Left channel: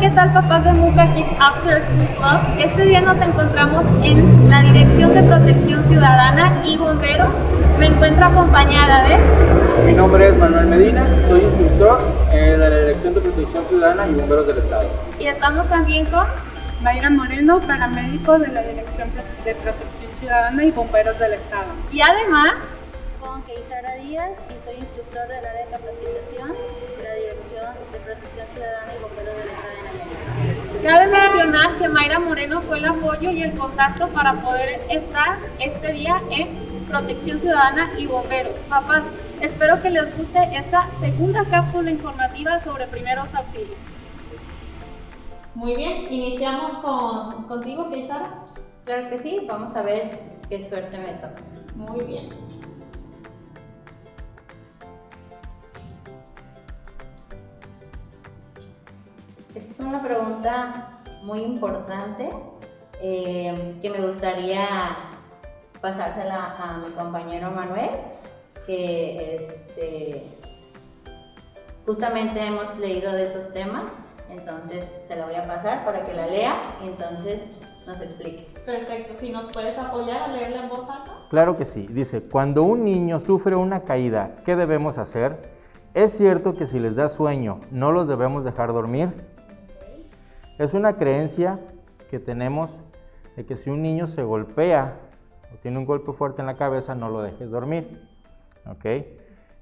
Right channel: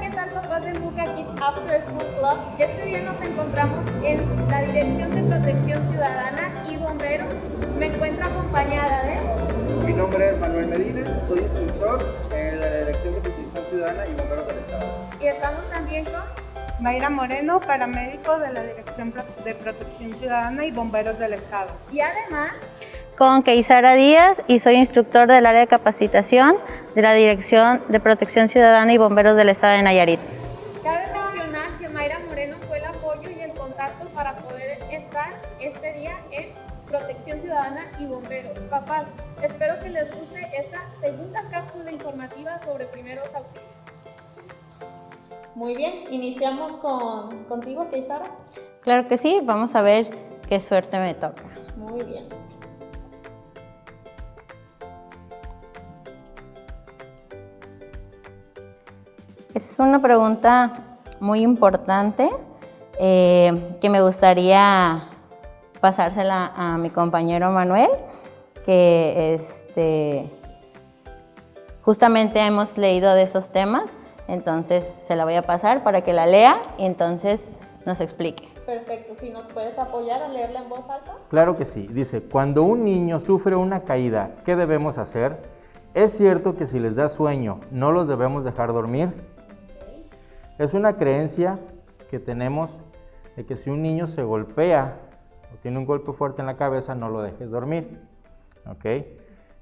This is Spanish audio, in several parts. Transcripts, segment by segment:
¿qué tal, papás de Muca Kids After School Club? Este día nos encontramos en la Dirección de Protección Ciudadana y Bomberos. Me encuentro acompañada de... Mi nombre es Manuel Medina, soy instructor de la Dirección de Protección Ciudadana y Bomberos del Estado. Y estamos también con... Mayra Moreno, paramédico de la Dirección de Protección Ciudadana y Bomberos del Estado. Y además... con Keisara Díaz y soy instructor del área de capacitación de la Dirección de Protección Ciudadana y Bomberos del Estado de Nayarit. Cabe mencionar que Mayra Moreno fue el apoyo y el contacto para poder estar este día en Protección Ciudadana y Bomberos. Papás, espero que les guste esta segunda cápsula informativa sobre primeros auxilios. Muy bien, iniciamos contigo, Keisara. Claro que sí, vamos a ver qué suerte me toca. Muy bien. Esa es una pregunta muy importante que me gustaría pasársela a mi compañero Manuel, que justamente hemos leído de esos temas, entonces se la voy a pasar para que la lea y entonces nos explique. Perfecto, si nos puedes apoyar a leerla en voz alta. Claro que sí, dice, cuando un niño sufre una caída, ¿qué debemos hacer? ¿Es cierto que si les da sueño no los debemos dejar dormir? Es una creencia que tenemos de que si un niño se golpea o tiene un golpe fuerte en la cabeza, no lo dejes dormir. ¿Ok?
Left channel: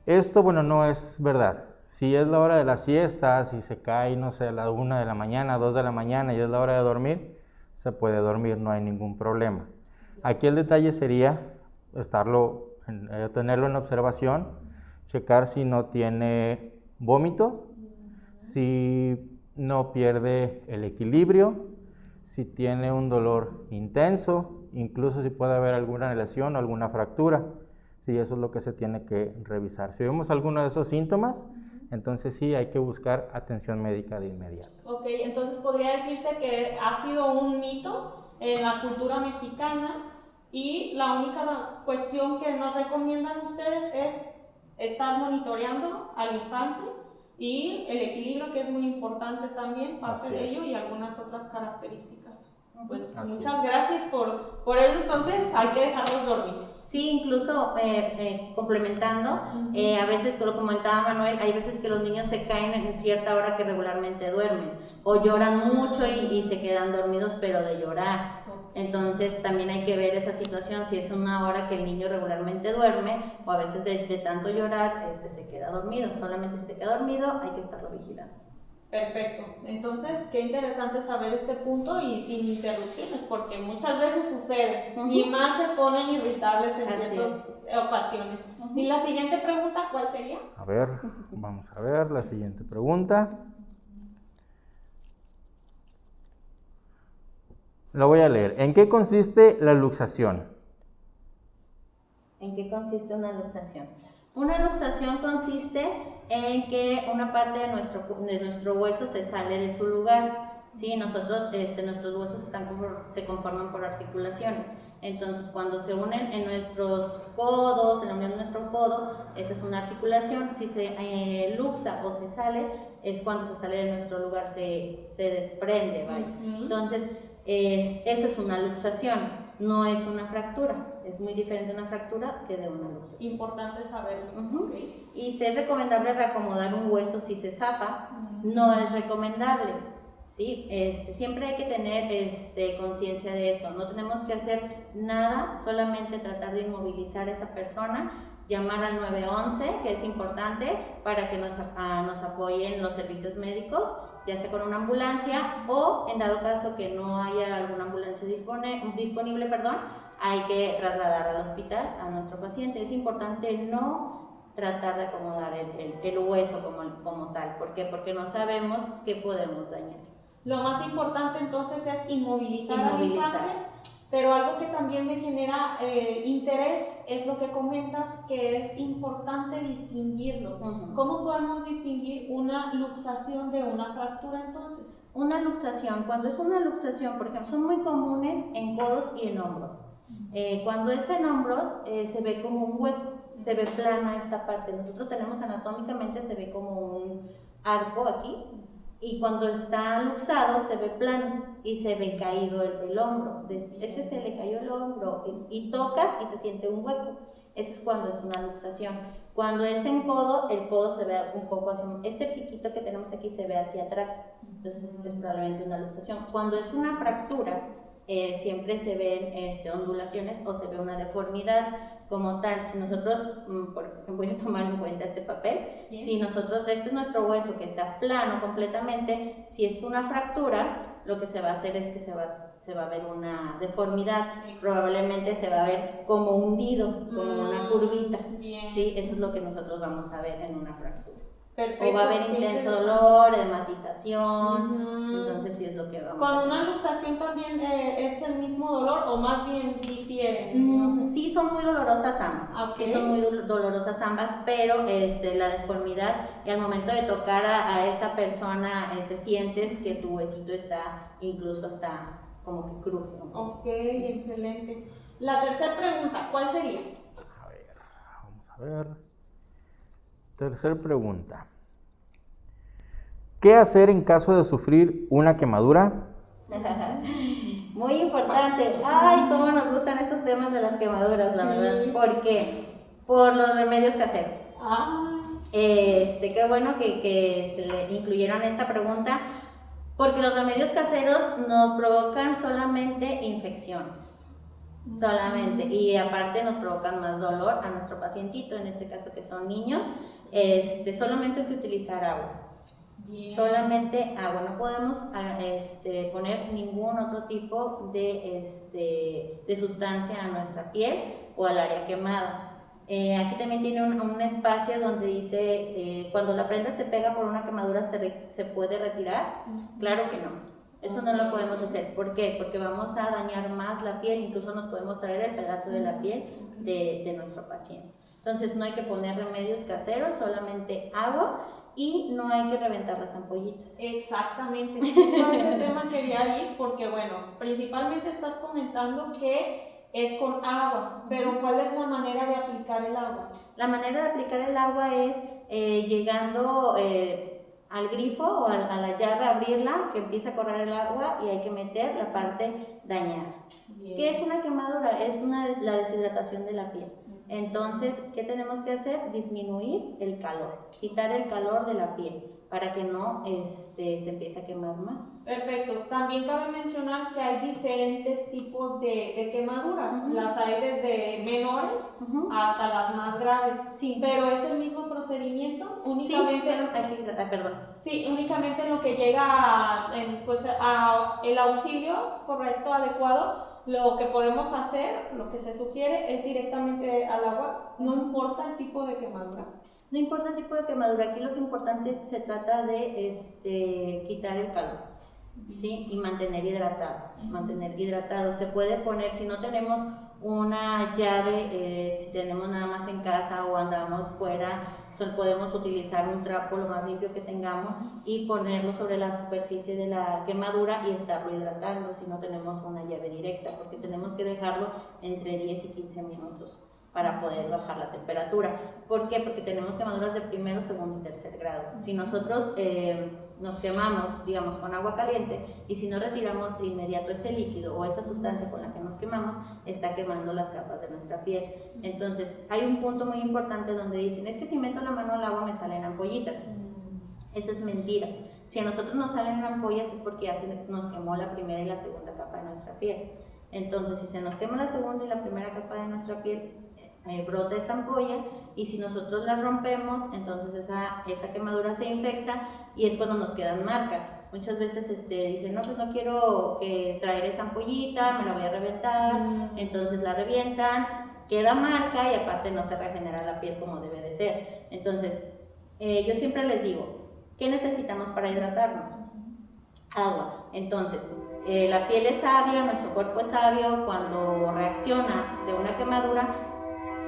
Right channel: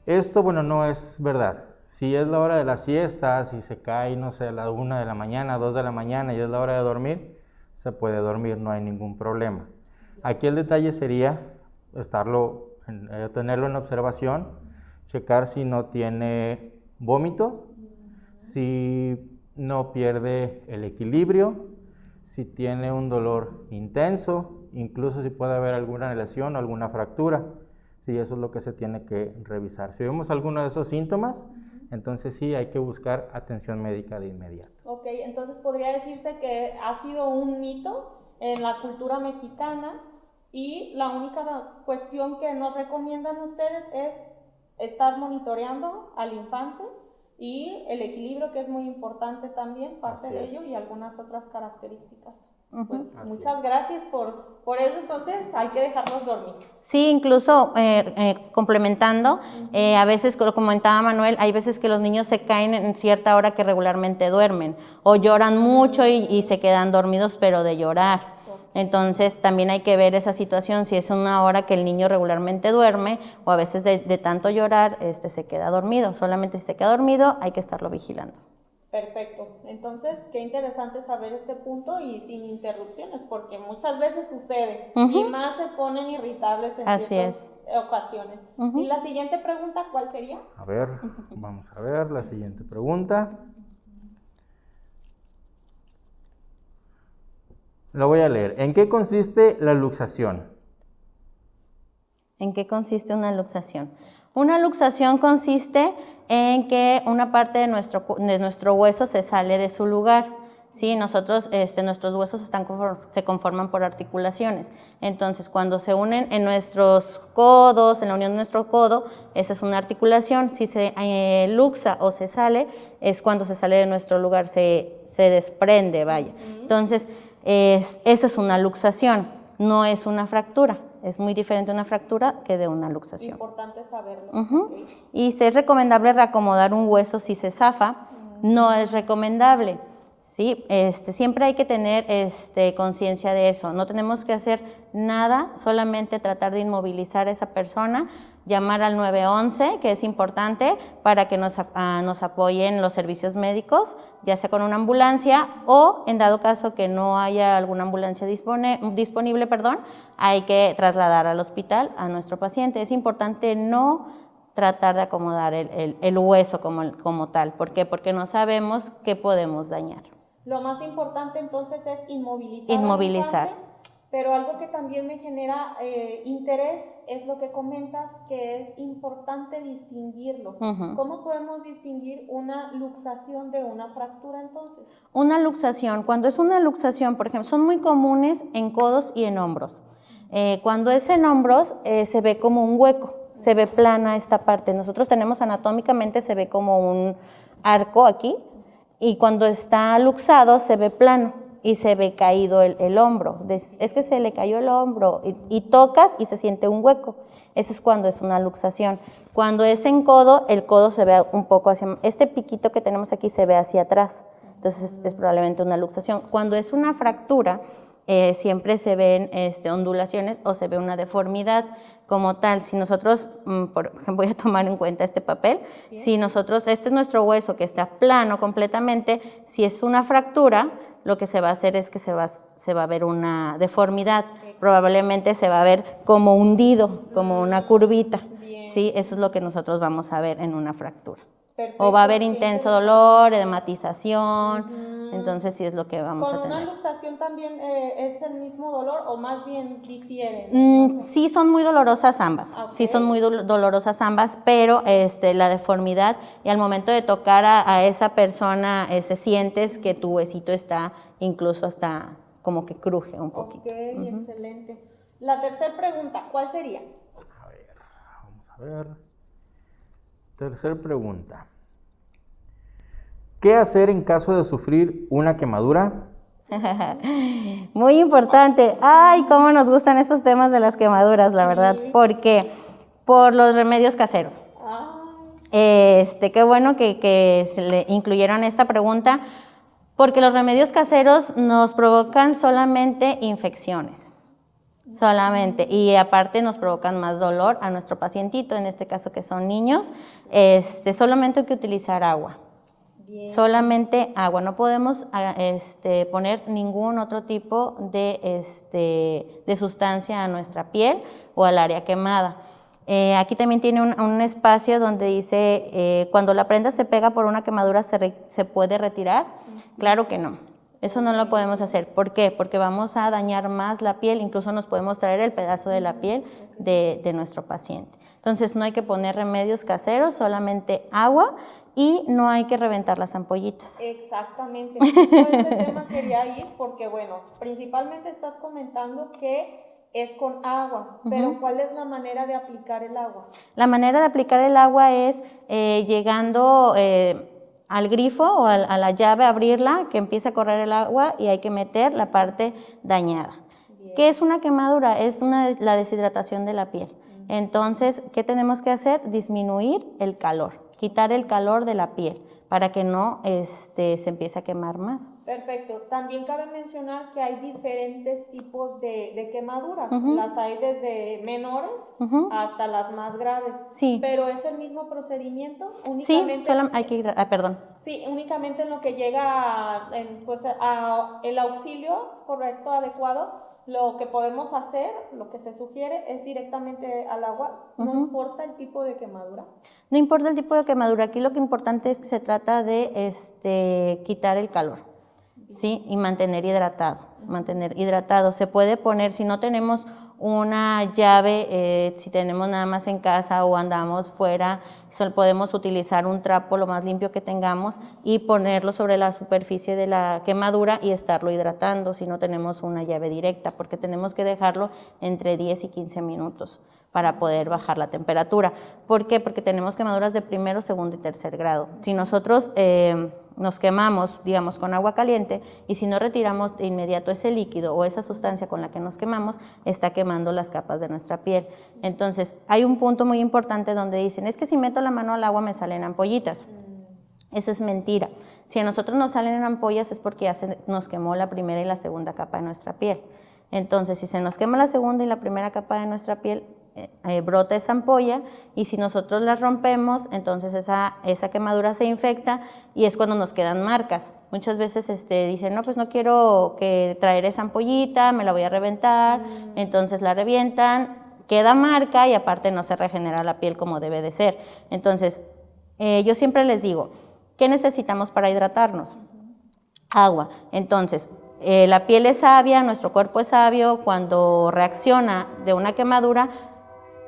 Esto, bueno, no es verdad. Si es la hora de la siesta, si se cae, no sé, a la 1 de la mañana, 2 de la mañana y es la hora de dormir, se puede dormir, no hay ningún problema. Aquí el detalle sería tenerlo en observación, checar si no tiene vómito, si no pierde el equilibrio, si tiene un dolor intenso, incluso si puede haber alguna lesión o alguna fractura. Sí, eso es lo que se tiene que revisar. Si vemos alguno de esos síntomas, entonces sí hay que buscar atención médica de inmediato. Ok, entonces podría decirse que ha sido un mito en la cultura mexicana y la única cuestión que nos recomiendan ustedes es estar monitoreando al infante y el equilibrio, que es muy importante también, parte de ello, y algunas otras características. Pues muchas gracias por eso, entonces hay que dejarlos dormir. Sí, incluso complementando, a veces, como comentaba Manuel, hay veces que los niños se caen en cierta hora que regularmente duermen o lloran mucho y se quedan dormidos, pero de llorar. Entonces también hay que ver esa situación, si es una hora que el niño regularmente duerme o a veces de tanto llorar se queda dormido. Solamente si se queda dormido hay que estarlo vigilando. Perfecto, entonces qué interesante saber este punto y sin interrupciones, porque muchas veces sucede y más se ponen irritables en ciertas ocasiones. Y la siguiente pregunta, ¿cuál sería? A ver, vamos a ver la siguiente pregunta. Lo voy a leer. ¿En qué consiste la luxación? ¿En qué consiste una luxación? Una luxación consiste en que una parte de nuestro hueso se sale de su lugar. ¿Sí? Nosotros, nuestros huesos se conforman por articulaciones. Entonces, cuando se unen en nuestros codos, en la unión de nuestro codo, esa es una articulación. Si se luxa o se sale, es cuando se sale de nuestro lugar, se desprende, vaya. Entonces, esa es una luxación, no es una fractura. Es muy diferente una fractura que de una luxación. Importante saberlo. Okay. Y si es recomendable reacomodar un hueso si se zafa, no es recomendable. ¿Sí? Siempre hay que tener conciencia de eso. No tenemos que hacer nada, solamente tratar de inmovilizar a esa persona, llamar al 911, que es importante para que nos apoyen los servicios médicos, ya sea con una ambulancia o en dado caso que no haya alguna ambulancia disponible, hay que trasladar al hospital a nuestro paciente. Es importante no tratar de acomodar el hueso como tal. ¿Por qué? Porque no sabemos qué podemos dañar. Lo más importante entonces es inmovilizar. Al infante, pero algo que también me genera interés es lo que comentas, que es importante distinguirlo. ¿Cómo podemos distinguir una luxación de una fractura entonces? Una luxación, cuando es una luxación, por ejemplo, son muy comunes en codos y en hombros. Cuando es en hombros se ve como un hueco, se ve plana esta parte. Nosotros tenemos anatómicamente, se ve como un arco aquí. y cuando está luxado se ve plano y se ve caído el hombro. Es que se le cayó el hombro y tocas y se siente un hueco. Eso es cuando es una luxación. Cuando es en codo, el codo se ve un poco hacia... Este piquito que tenemos aquí se ve hacia atrás. Entonces es probablemente una luxación. Cuando es una fractura, siempre se ven ondulaciones o se ve una deformidad como tal. Si nosotros, por ejemplo, voy a tomar en cuenta este papel, si nosotros, este es nuestro hueso que está plano completamente, si es una fractura, lo que se va a hacer es que se va a ver una deformidad, probablemente se va a ver como hundido, como una curvita, ¿sí? Eso es lo que nosotros vamos a ver en una fractura. Perfecto, o va a haber intenso dolor, edematización, entonces sí es lo que vamos a ¿Con tener. una luxación también es el mismo dolor o más bien difiere? Sí son muy dolorosas ambas, Okay. sí son muy dolorosas ambas, pero la deformidad y al momento de tocar a esa persona sientes que tu huesito está incluso hasta como que cruje un poquito. Ok, excelente. La tercera pregunta, ¿cuál sería? A ver, vamos a ver. Tercera pregunta. ¿Qué hacer en caso de sufrir una quemadura? Muy importante. Ay, cómo nos gustan estos temas de las quemaduras, la verdad. ¿Por qué? Por los remedios caseros. Qué bueno que se le incluyeron esta pregunta, porque los remedios caseros nos provocan solamente infecciones. Solamente, y aparte nos provocan más dolor a nuestro pacientito, en este caso que son niños. Solamente hay que utilizar agua. Bien. Solamente agua, no podemos poner ningún otro tipo de sustancia a nuestra piel o al área quemada. Aquí también tiene un espacio donde dice, cuando la prenda se pega por una quemadura, ¿se puede retirar? Claro que no. Eso no lo podemos hacer. ¿Por qué? Porque vamos a dañar más la piel, incluso nos podemos traer el pedazo de la piel de nuestro paciente. Entonces no hay que poner remedios caseros, solamente agua, y no hay que reventar las ampollitas. Exactamente, justo a ese tema quería ir porque bueno, principalmente estás comentando que es con agua, pero ¿cuál es la manera de aplicar el agua? La manera de aplicar el agua es llegando al grifo o a la llave, abrirla, que empiece a correr el agua y hay que meter la parte dañada. Bien. ¿Qué es una quemadura? Es la deshidratación de la piel. Entonces, ¿qué tenemos que hacer? Disminuir el calor, quitar el calor de la piel para que no se empiece a quemar más. Perfecto. También cabe mencionar que hay diferentes tipos de quemaduras. Las hay desde menores hasta las más graves. Sí. Pero es el mismo procedimiento. Únicamente, sí, solo hay que perdón. Sí, únicamente en lo que llega a el auxilio correcto, adecuado. Lo que podemos hacer, lo que se sugiere es directamente al agua, no importa el tipo de quemadura. No importa el tipo de quemadura, aquí lo que importante es que se trata de quitar el calor, ¿sí? Y mantener hidratado. Se puede poner, si no tenemos una llave, si tenemos nada más en casa o andamos fuera, podemos utilizar un trapo lo más limpio que tengamos y ponerlo sobre la superficie de la quemadura y estarlo hidratando si no tenemos una llave directa, porque tenemos que dejarlo entre 10 y 15 minutos para poder bajar la temperatura. ¿Por qué? Porque tenemos quemaduras de primero, segundo y tercer grado. Si nosotros nos quemamos, digamos, con agua caliente, y si no retiramos de inmediato ese líquido o esa sustancia con la que nos quemamos, está quemando las capas de nuestra piel. Entonces, hay un punto muy importante donde dicen, es que si meto la mano al agua me salen ampollitas. Eso es mentira. Si a nosotros nos salen ampollas es porque ya nos quemó la primera y la segunda capa de nuestra piel. Entonces, si se nos quema la segunda y la primera capa de nuestra piel, brota esa ampolla, y si nosotros la rompemos, entonces esa quemadura se infecta y es cuando nos quedan marcas. Muchas veces dicen, no, pues no quiero traer esa ampollita, me la voy a reventar, entonces la revientan, queda marca y aparte no se regenera la piel como debe de ser. Entonces, yo siempre les digo, ¿qué necesitamos para hidratarnos? Agua. Entonces, la piel es sabia, nuestro cuerpo es sabio, cuando reacciona de una quemadura,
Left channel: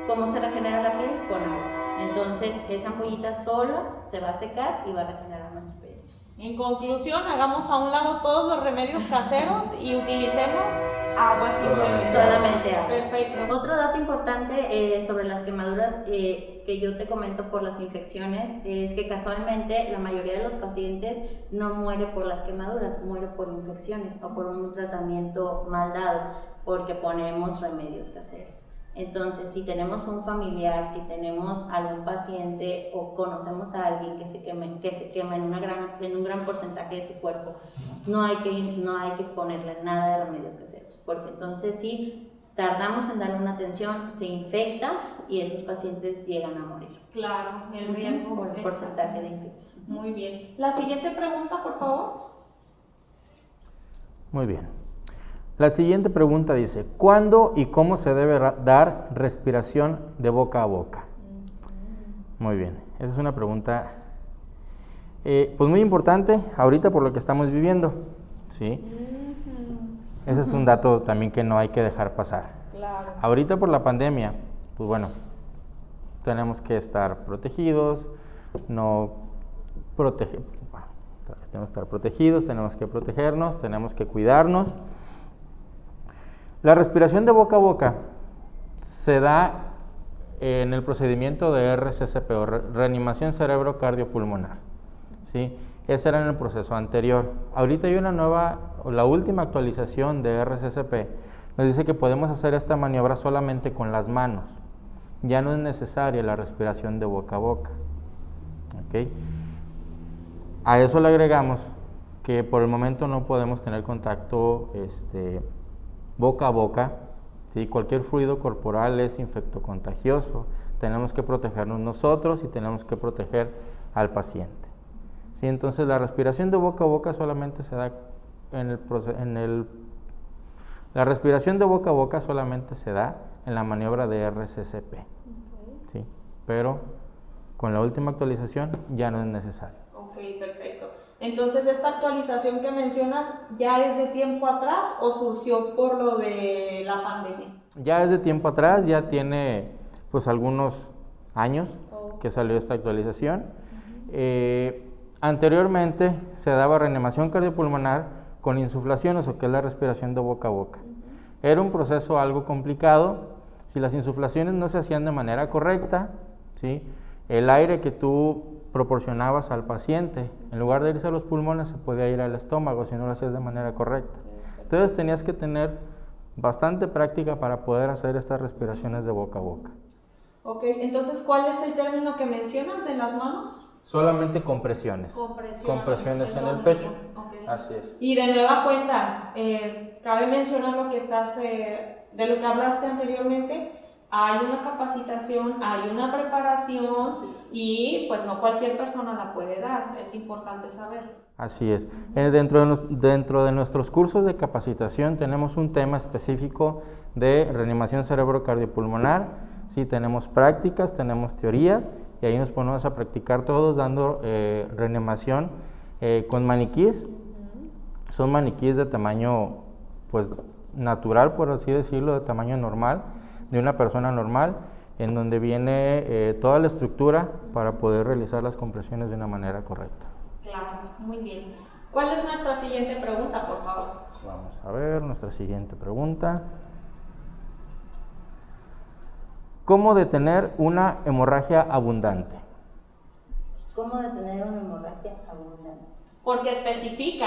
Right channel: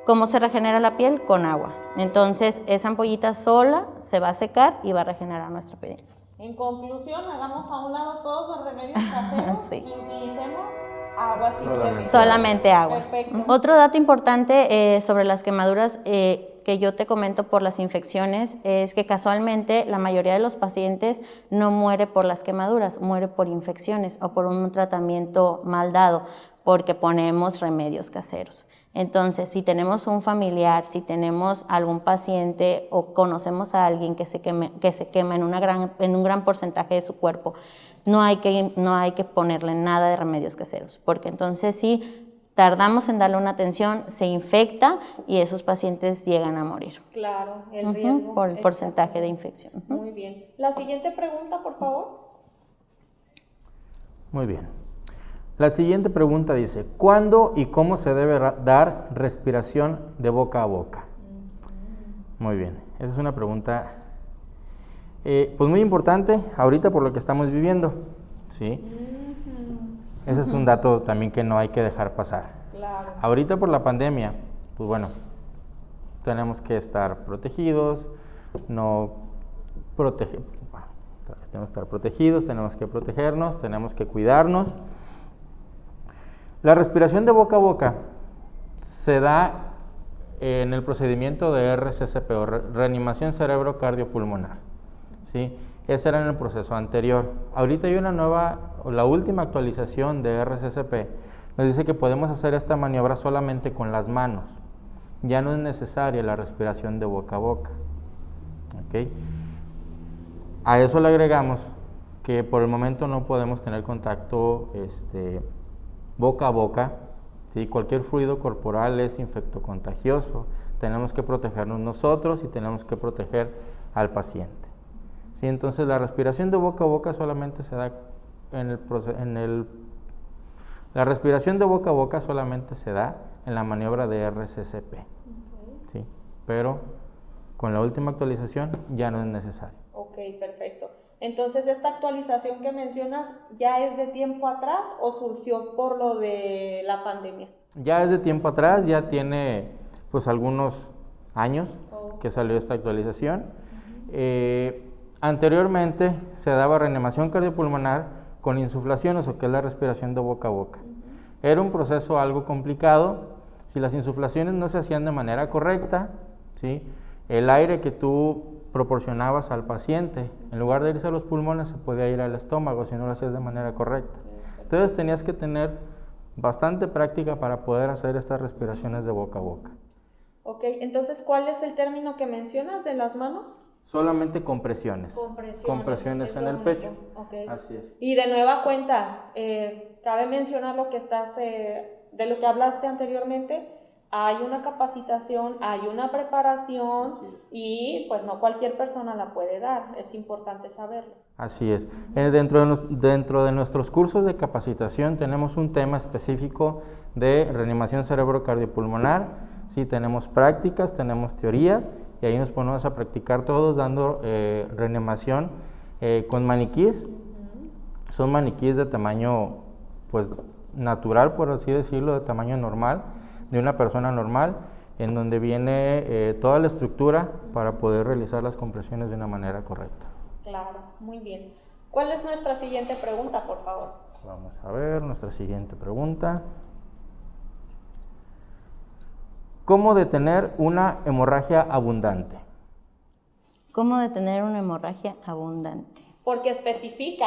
¿cómo se regenera la piel? Con agua. Entonces, esa ampollita sola se va a secar y va a regenerar nuestra piel. En conclusión, hagamos a un lado todos los remedios caseros y utilicemos agua simplemente. Solamente agua. Perfecto. Otro dato importante sobre las quemaduras que que yo te comento por las infecciones es que casualmente la mayoría de los pacientes no muere por las quemaduras, muere por infecciones o por un tratamiento mal dado, porque ponemos remedios caseros. Entonces, si tenemos un familiar, si tenemos algún paciente o conocemos a alguien que se quema en un gran porcentaje de su cuerpo, no hay que ponerle nada de remedios caseros, porque entonces sí tardamos en darle una atención, se infecta y esos pacientes llegan a morir. Claro, el riesgo. Por el porcentaje de infección. Muy bien. La siguiente pregunta, por favor. Muy bien. La siguiente pregunta dice, ¿cuándo y cómo se debe dar respiración de boca a boca? Muy bien, esa es una pregunta pues muy importante ahorita por lo que estamos viviendo, ¿sí? Ese es un dato también que no hay que dejar pasar. Claro. Ahorita por la pandemia, pues bueno, tenemos que estar protegidos, tenemos que estar protegidos, tenemos que protegernos, tenemos que cuidarnos. La respiración de boca a boca se da en el procedimiento de RCCP o reanimación cerebro cardiopulmonar, ¿sí? Ese era en el proceso anterior. Ahorita hay una nueva, la última actualización de RCCP nos dice que podemos hacer esta maniobra solamente con las manos. Ya no es necesaria la respiración de boca a boca, ¿ok? A eso le agregamos que por el momento no podemos tener contacto boca a boca, ¿sí? Cualquier fluido corporal es infectocontagioso, tenemos que protegernos nosotros y tenemos que proteger al paciente, ¿sí? Entonces la respiración de boca a boca solamente se da la respiración de boca a boca solamente se da en la maniobra de RCCP, ¿sí? Pero con la última actualización ya no es necesario. Ok, perfecto. Entonces, ¿esta actualización que mencionas ya es de tiempo atrás o surgió por lo de la pandemia? Ya es de tiempo atrás, ya tiene pues algunos años que salió esta actualización. Anteriormente se daba reanimación cardiopulmonar con insuflaciones, o que es la respiración de boca a boca. Era un proceso algo complicado. Si las insuflaciones no se hacían de manera correcta, ¿sí? El aire que tú proporcionabas al paciente, en lugar de irse a los pulmones, se podía ir al estómago si no lo hacías de manera correcta. Entonces tenías que tener bastante práctica para poder hacer estas respiraciones de boca a boca. Ok, entonces, ¿cuál es el término que mencionas de las manos? Solamente compresiones. Compresiones en el pecho. Okay. Así es. Y de nueva cuenta, cabe mencionar lo que de lo que hablaste anteriormente. Hay una capacitación, hay una preparación y pues no cualquier persona la puede dar, es importante saberlo. Así es. Dentro de nuestros cursos de capacitación tenemos un tema específico de reanimación cerebro-cardiopulmonar. Sí, tenemos prácticas, tenemos teorías y ahí nos ponemos a practicar todos dando reanimación con maniquís. Son maniquís de tamaño pues natural, por así decirlo, de tamaño normal, de una persona normal, en donde viene toda la estructura para poder realizar las compresiones de una manera correcta. Claro, muy bien. ¿Cuál es nuestra siguiente pregunta, por favor? Vamos a ver nuestra siguiente pregunta. ¿Cómo detener una hemorragia abundante? ¿Cómo detener una hemorragia abundante? Porque especifica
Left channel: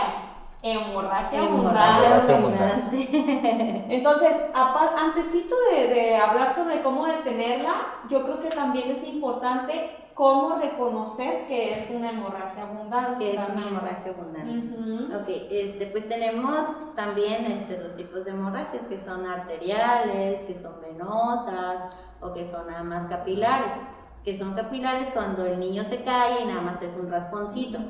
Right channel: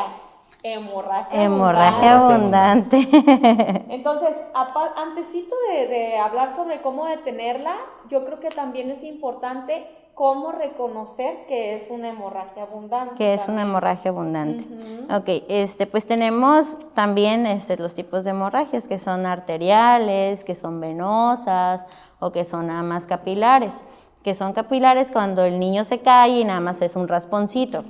hemorragia abundante. Entonces, antesito de hablar sobre cómo detenerla, yo creo que también es importante cómo reconocer que es una hemorragia abundante. Que es una hemorragia abundante. Ok, pues tenemos también los tipos de hemorragias que son arteriales, que son venosas o que son nada más capilares. Que son capilares cuando el niño se cae y nada más es un rasponcito.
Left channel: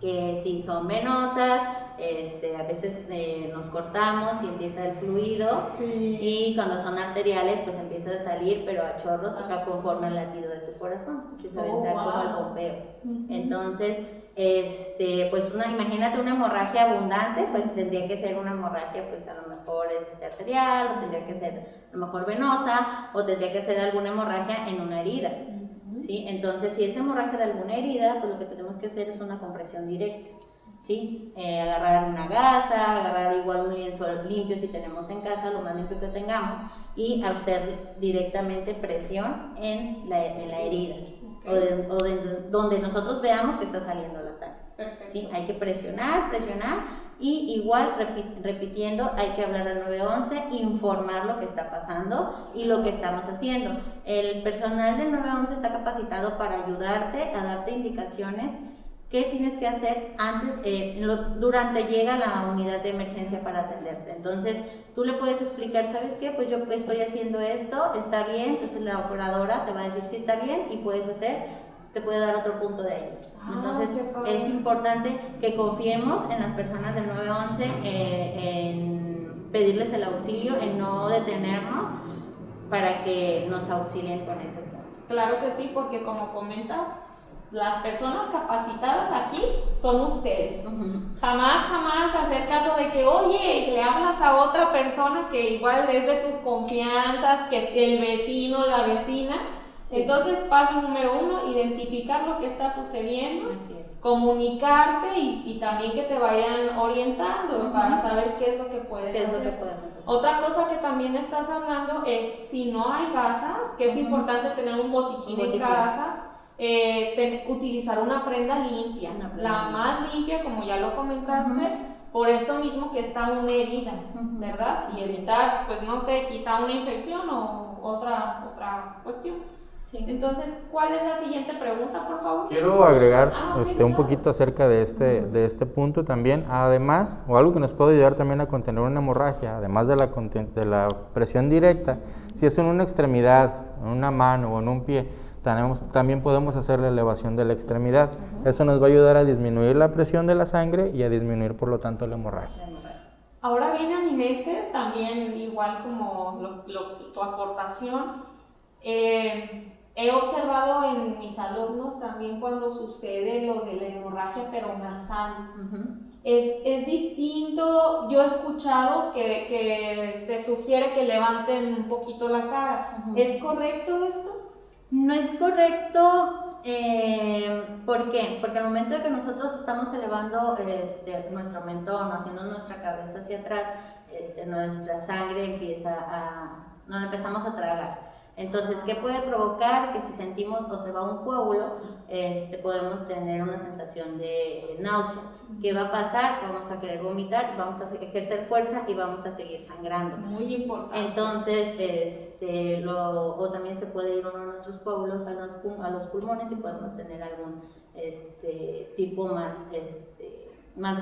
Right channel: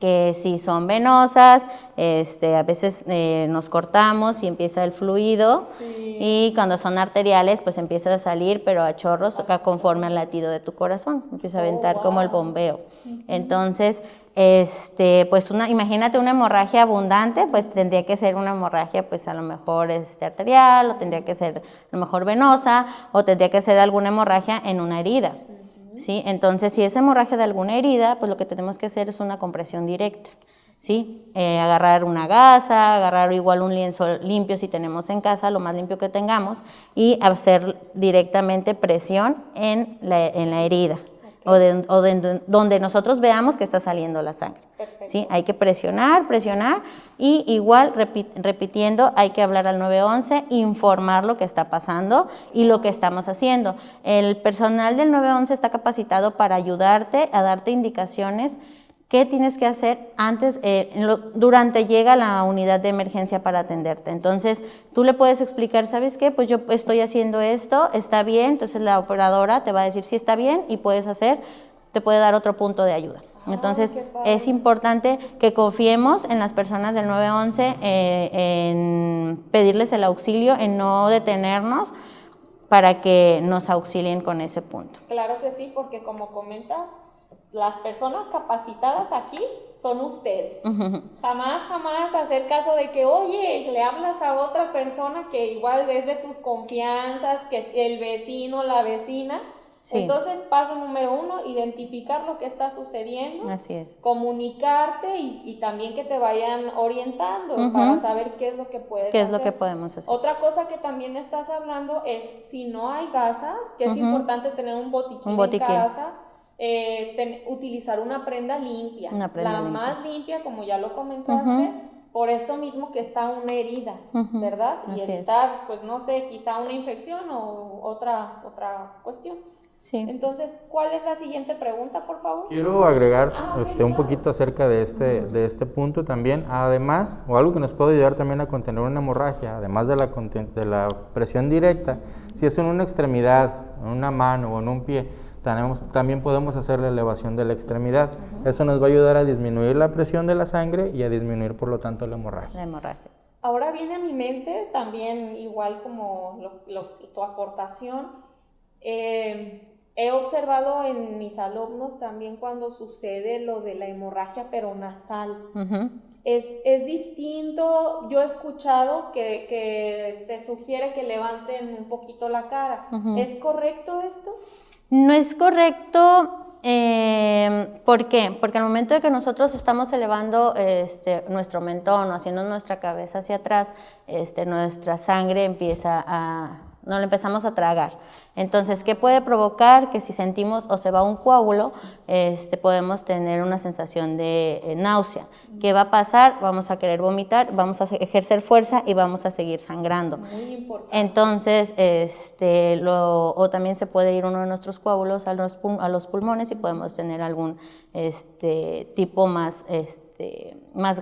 Que si son venosas, a veces nos cortamos y empieza el fluido, y cuando son arteriales, pues empieza a salir, pero a chorros, conforme al latido de tu corazón, empieza a aventar como el bombeo. Entonces, pues imagínate una hemorragia abundante, pues tendría que ser una hemorragia, pues a lo mejor arterial, o tendría que ser a lo mejor venosa, o tendría que ser alguna hemorragia en una herida. ¿Sí? Entonces, si es hemorragia de alguna herida, pues lo que tenemos que hacer es una compresión directa. ¿sí? Agarrar una gasa, agarrar igual un lienzo limpio si tenemos en casa, lo más limpio que tengamos, y hacer directamente presión en la herida donde nosotros veamos que está saliendo la sangre. ¿Sí? Hay que presionar y igual repitiendo, hay que hablar al 911, informar lo que está pasando y lo que estamos haciendo. El personal del 911 está capacitado para ayudarte a darte indicaciones. ¿Qué tienes que hacer antes, durante llega la unidad de emergencia para atenderte? Entonces, tú le puedes explicar, ¿sabes qué? Pues yo estoy haciendo esto, está bien, entonces la operadora te va a decir si está bien y te puede dar otro punto de ayuda. Entonces, es importante que confiemos en las personas del 911, en pedirles el auxilio, en no detenernos para que nos auxilien con ese punto. Claro que sí, porque como comentas, las personas capacitadas aquí son ustedes. Jamás hacer caso de que, oye, le hablas a otra persona que igual es de tus confianzas, que el vecino, la vecina. Sí. Entonces, paso número 1, identificar lo que está sucediendo. Así es. Comunicarte y también que te vayan orientando para saber qué es lo que puedes hacer. ¿Qué es lo que podemos hacer? Otra cosa que también estás hablando es, si no hay gasas, que es importante tener un botiquín en casa, utilizar una prenda limpia, más limpia, como ya lo comentaste, por esto mismo que está una herida, ¿verdad? Y así evitar, pues no sé, quizá una infección o otra cuestión. Sí. Entonces, ¿cuál es la siguiente pregunta, por favor? Quiero agregar un poquito acerca de este punto también. Además, o algo que nos puede ayudar también a contener una hemorragia, además de la presión directa, si es en una extremidad, en una mano o en un pie, también podemos hacer la elevación de la extremidad. Eso nos va a ayudar a disminuir la presión de la sangre y a disminuir, por lo tanto, la hemorragia. Ahora viene a mi mente también, igual como tu aportación, he observado en mis alumnos también cuando sucede lo de la hemorragia pero nasal. Es distinto. Yo he escuchado que se sugiere que levanten un poquito la cara. ¿Es correcto esto? No es correcto. ¿Por qué? Porque al momento de que nosotros estamos elevando nuestro mentón o haciendo nuestra cabeza hacia atrás, nuestra sangre no la empezamos a tragar. Entonces, ¿qué puede provocar? Que si sentimos o se va un coágulo, podemos tener una sensación de náusea. ¿Qué va a pasar? Vamos a querer vomitar, vamos a ejercer fuerza y vamos a seguir sangrando. Muy importante. Entonces, o también se puede ir uno de nuestros coágulos a los pulmones y podemos tener algún tipo más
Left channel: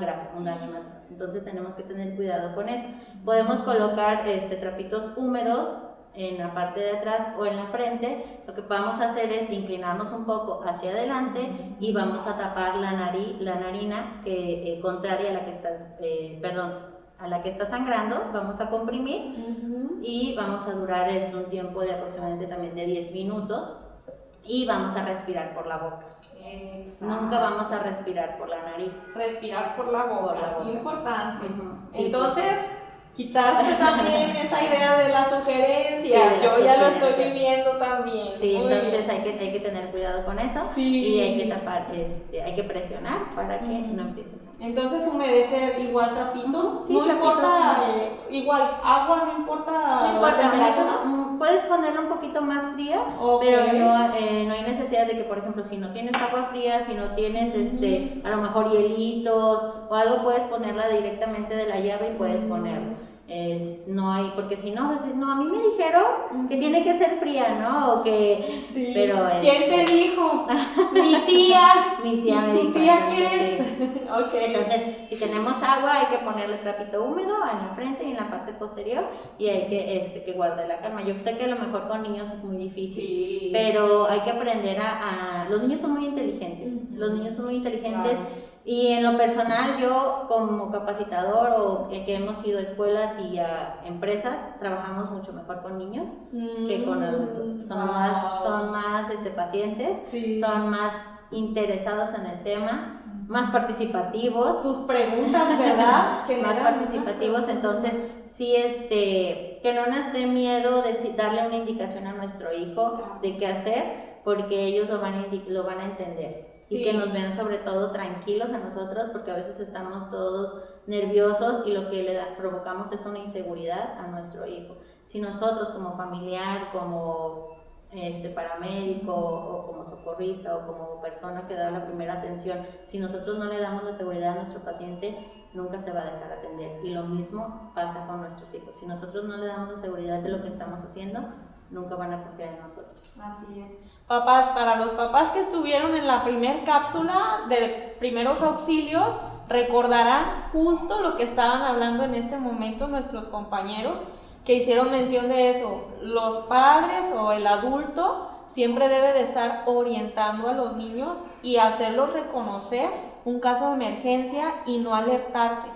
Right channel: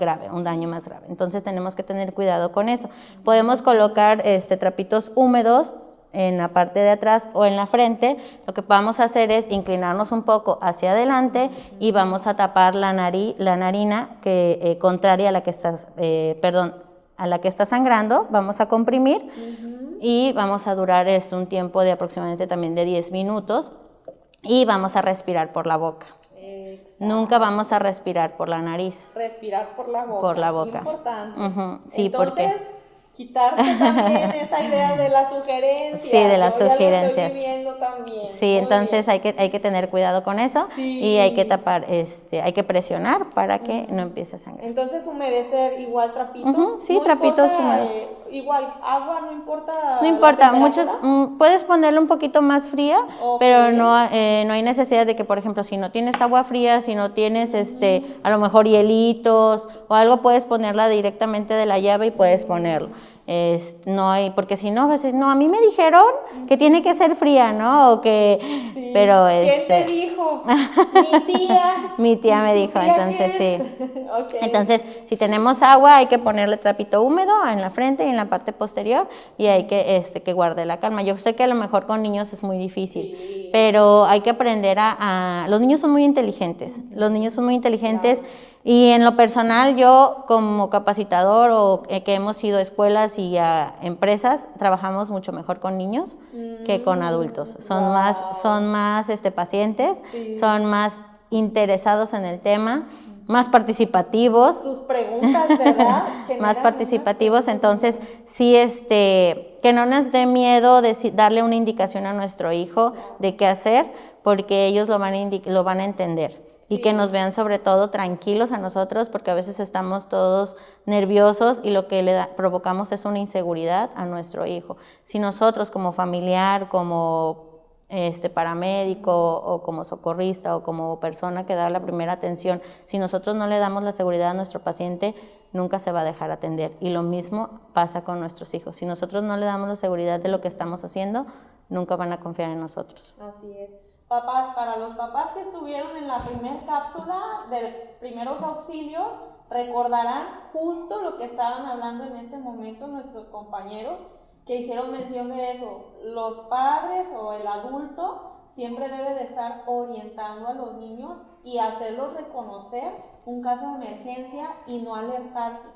grave, un daño más grave. Entonces, tenemos que tener cuidado con eso. Podemos colocar trapitos húmedos en la parte de atrás o en la frente. Lo que vamos a hacer es inclinarnos un poco hacia adelante y vamos a tapar la narina que contraria a la que está sangrando. Vamos a comprimir y vamos a durar un tiempo de aproximadamente también de 10 minutos y vamos a respirar por la boca. Exacto. Nunca vamos a respirar por la nariz. Respirar por la boca. Por la boca. Muy importante. Sí, entonces, quitarse también esa idea de las sugerencias. Sí, de las Yo ya sugerencias. lo estoy viviendo también. Sí, entonces hay que tener cuidado con eso y hay que tapar, hay que presionar para que no empiece a sangrar. Entonces, humedecer igual trapitos. Sí, no trapitos importa, igual agua, no importa. No importa, puedes ponerle un poquito más fría, pero no hay necesidad de que, por ejemplo, si no tienes agua fría, si no tienes a lo mejor hielitos o algo, puedes ponerla directamente de la llave y puedes ponerlo. No hay, porque si no, a veces, no, a mí me dijeron que tiene que ser fría, ¿no? O que, sí. Pero ¿Quién te dijo? Mi tía. Mi tía me dijo, tía entonces sí. Okay. Entonces, si tenemos agua, hay que ponerle trapito húmedo en la frente y en la parte posterior y hay que guardar la calma. Yo sé que a lo mejor con niños es muy difícil, pero hay que aprender los niños son muy inteligentes, Claro. Y en lo personal, yo como capacitador o que hemos ido a escuelas y a empresas, trabajamos mucho mejor con niños que con adultos. Son más pacientes, son más interesados en el tema, más participativos. Sus preguntas, ¿verdad? Más participativos, entonces sí, que no nos dé miedo darle una indicación a nuestro hijo de qué hacer, porque ellos lo van a entender. y Sí. que nos vean sobre todo tranquilos a nosotros, porque a veces estamos todos nerviosos y lo que provocamos es una inseguridad a nuestro hijo. Si nosotros como familiar, como paramédico o como socorrista o como persona que da la primera atención, si nosotros no le damos la seguridad a nuestro paciente, nunca se va a dejar atender. Y lo mismo pasa con nuestros hijos. Si nosotros no le damos la seguridad de lo que estamos haciendo, nunca van a confiar en nosotros. Así es. Papás, para los papás que estuvieron en la primer cápsula de primeros auxilios, recordarán justo lo que estaban hablando en este momento nuestros compañeros que hicieron mención de eso. Los padres o el adulto siempre debe de estar orientando a los niños y hacerlos reconocer un caso de emergencia y no alertarse.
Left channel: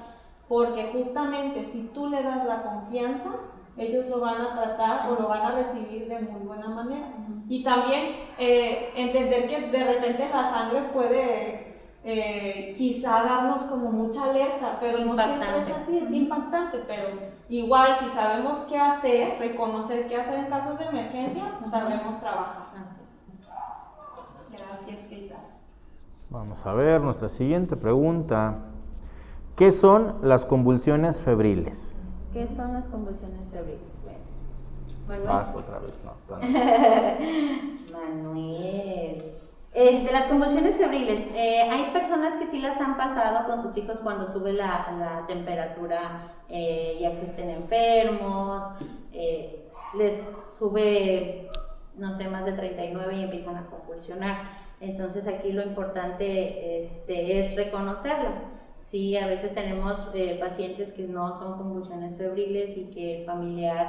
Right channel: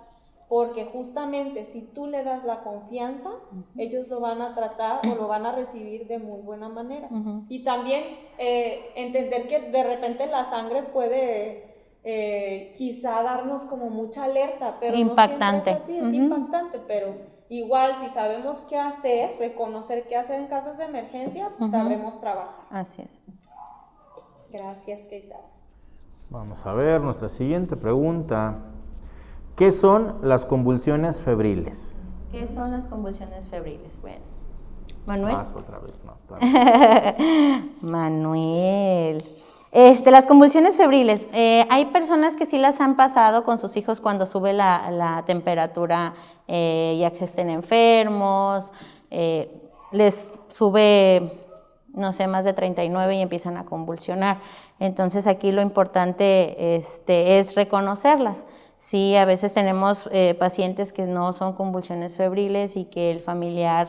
Porque justamente si tú le das la confianza, ellos lo van a tratar o lo van a recibir de muy buena manera. Y también entender que de repente la sangre puede quizá darnos como mucha alerta, pero impactante. no siempre es así, es impactante, pero igual si sabemos qué hacer, reconocer qué hacer en casos de emergencia, sabremos trabajar. Así es. Gracias, Keisa. Vamos a ver nuestra siguiente pregunta. ¿Qué son las convulsiones febriles? ¿Qué son las convulsiones febriles? Bueno, Manuel. Vas otra vez, no. todavía. Manuel. Las convulsiones febriles, hay personas que sí las han pasado con sus hijos cuando sube la temperatura, ya que estén enfermos, les sube, no sé, más de 39 y empiezan a convulsionar. Entonces aquí lo importante es reconocerlas. Sí, a veces tenemos pacientes que no son convulsiones febriles y que el familiar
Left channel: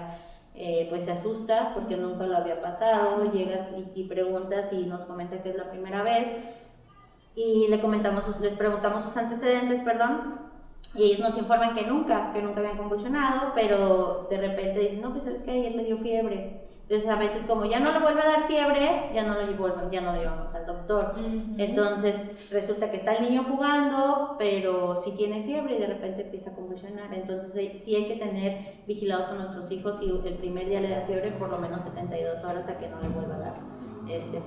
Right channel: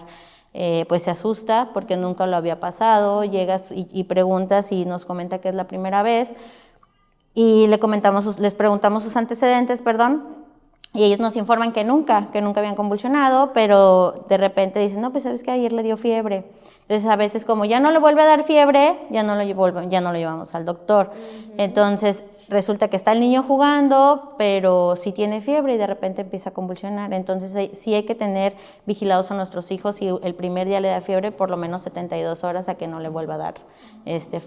pues se asusta porque nunca lo había pasado, llegas y preguntas y nos comenta que es la primera vez y les preguntamos sus antecedentes, y ellos nos informan que nunca habían convulsionado, pero de repente dicen, no, pues sabes que ayer le dio fiebre. Entonces a veces como ya no le vuelve a dar fiebre, ya no lo llevamos al doctor. Entonces resulta que está el niño jugando, pero sí tiene fiebre y de repente empieza a convulsionar. Entonces sí hay que tener vigilados a nuestros hijos y el primer día le da fiebre, por lo menos 72 horas a que no le vuelva a dar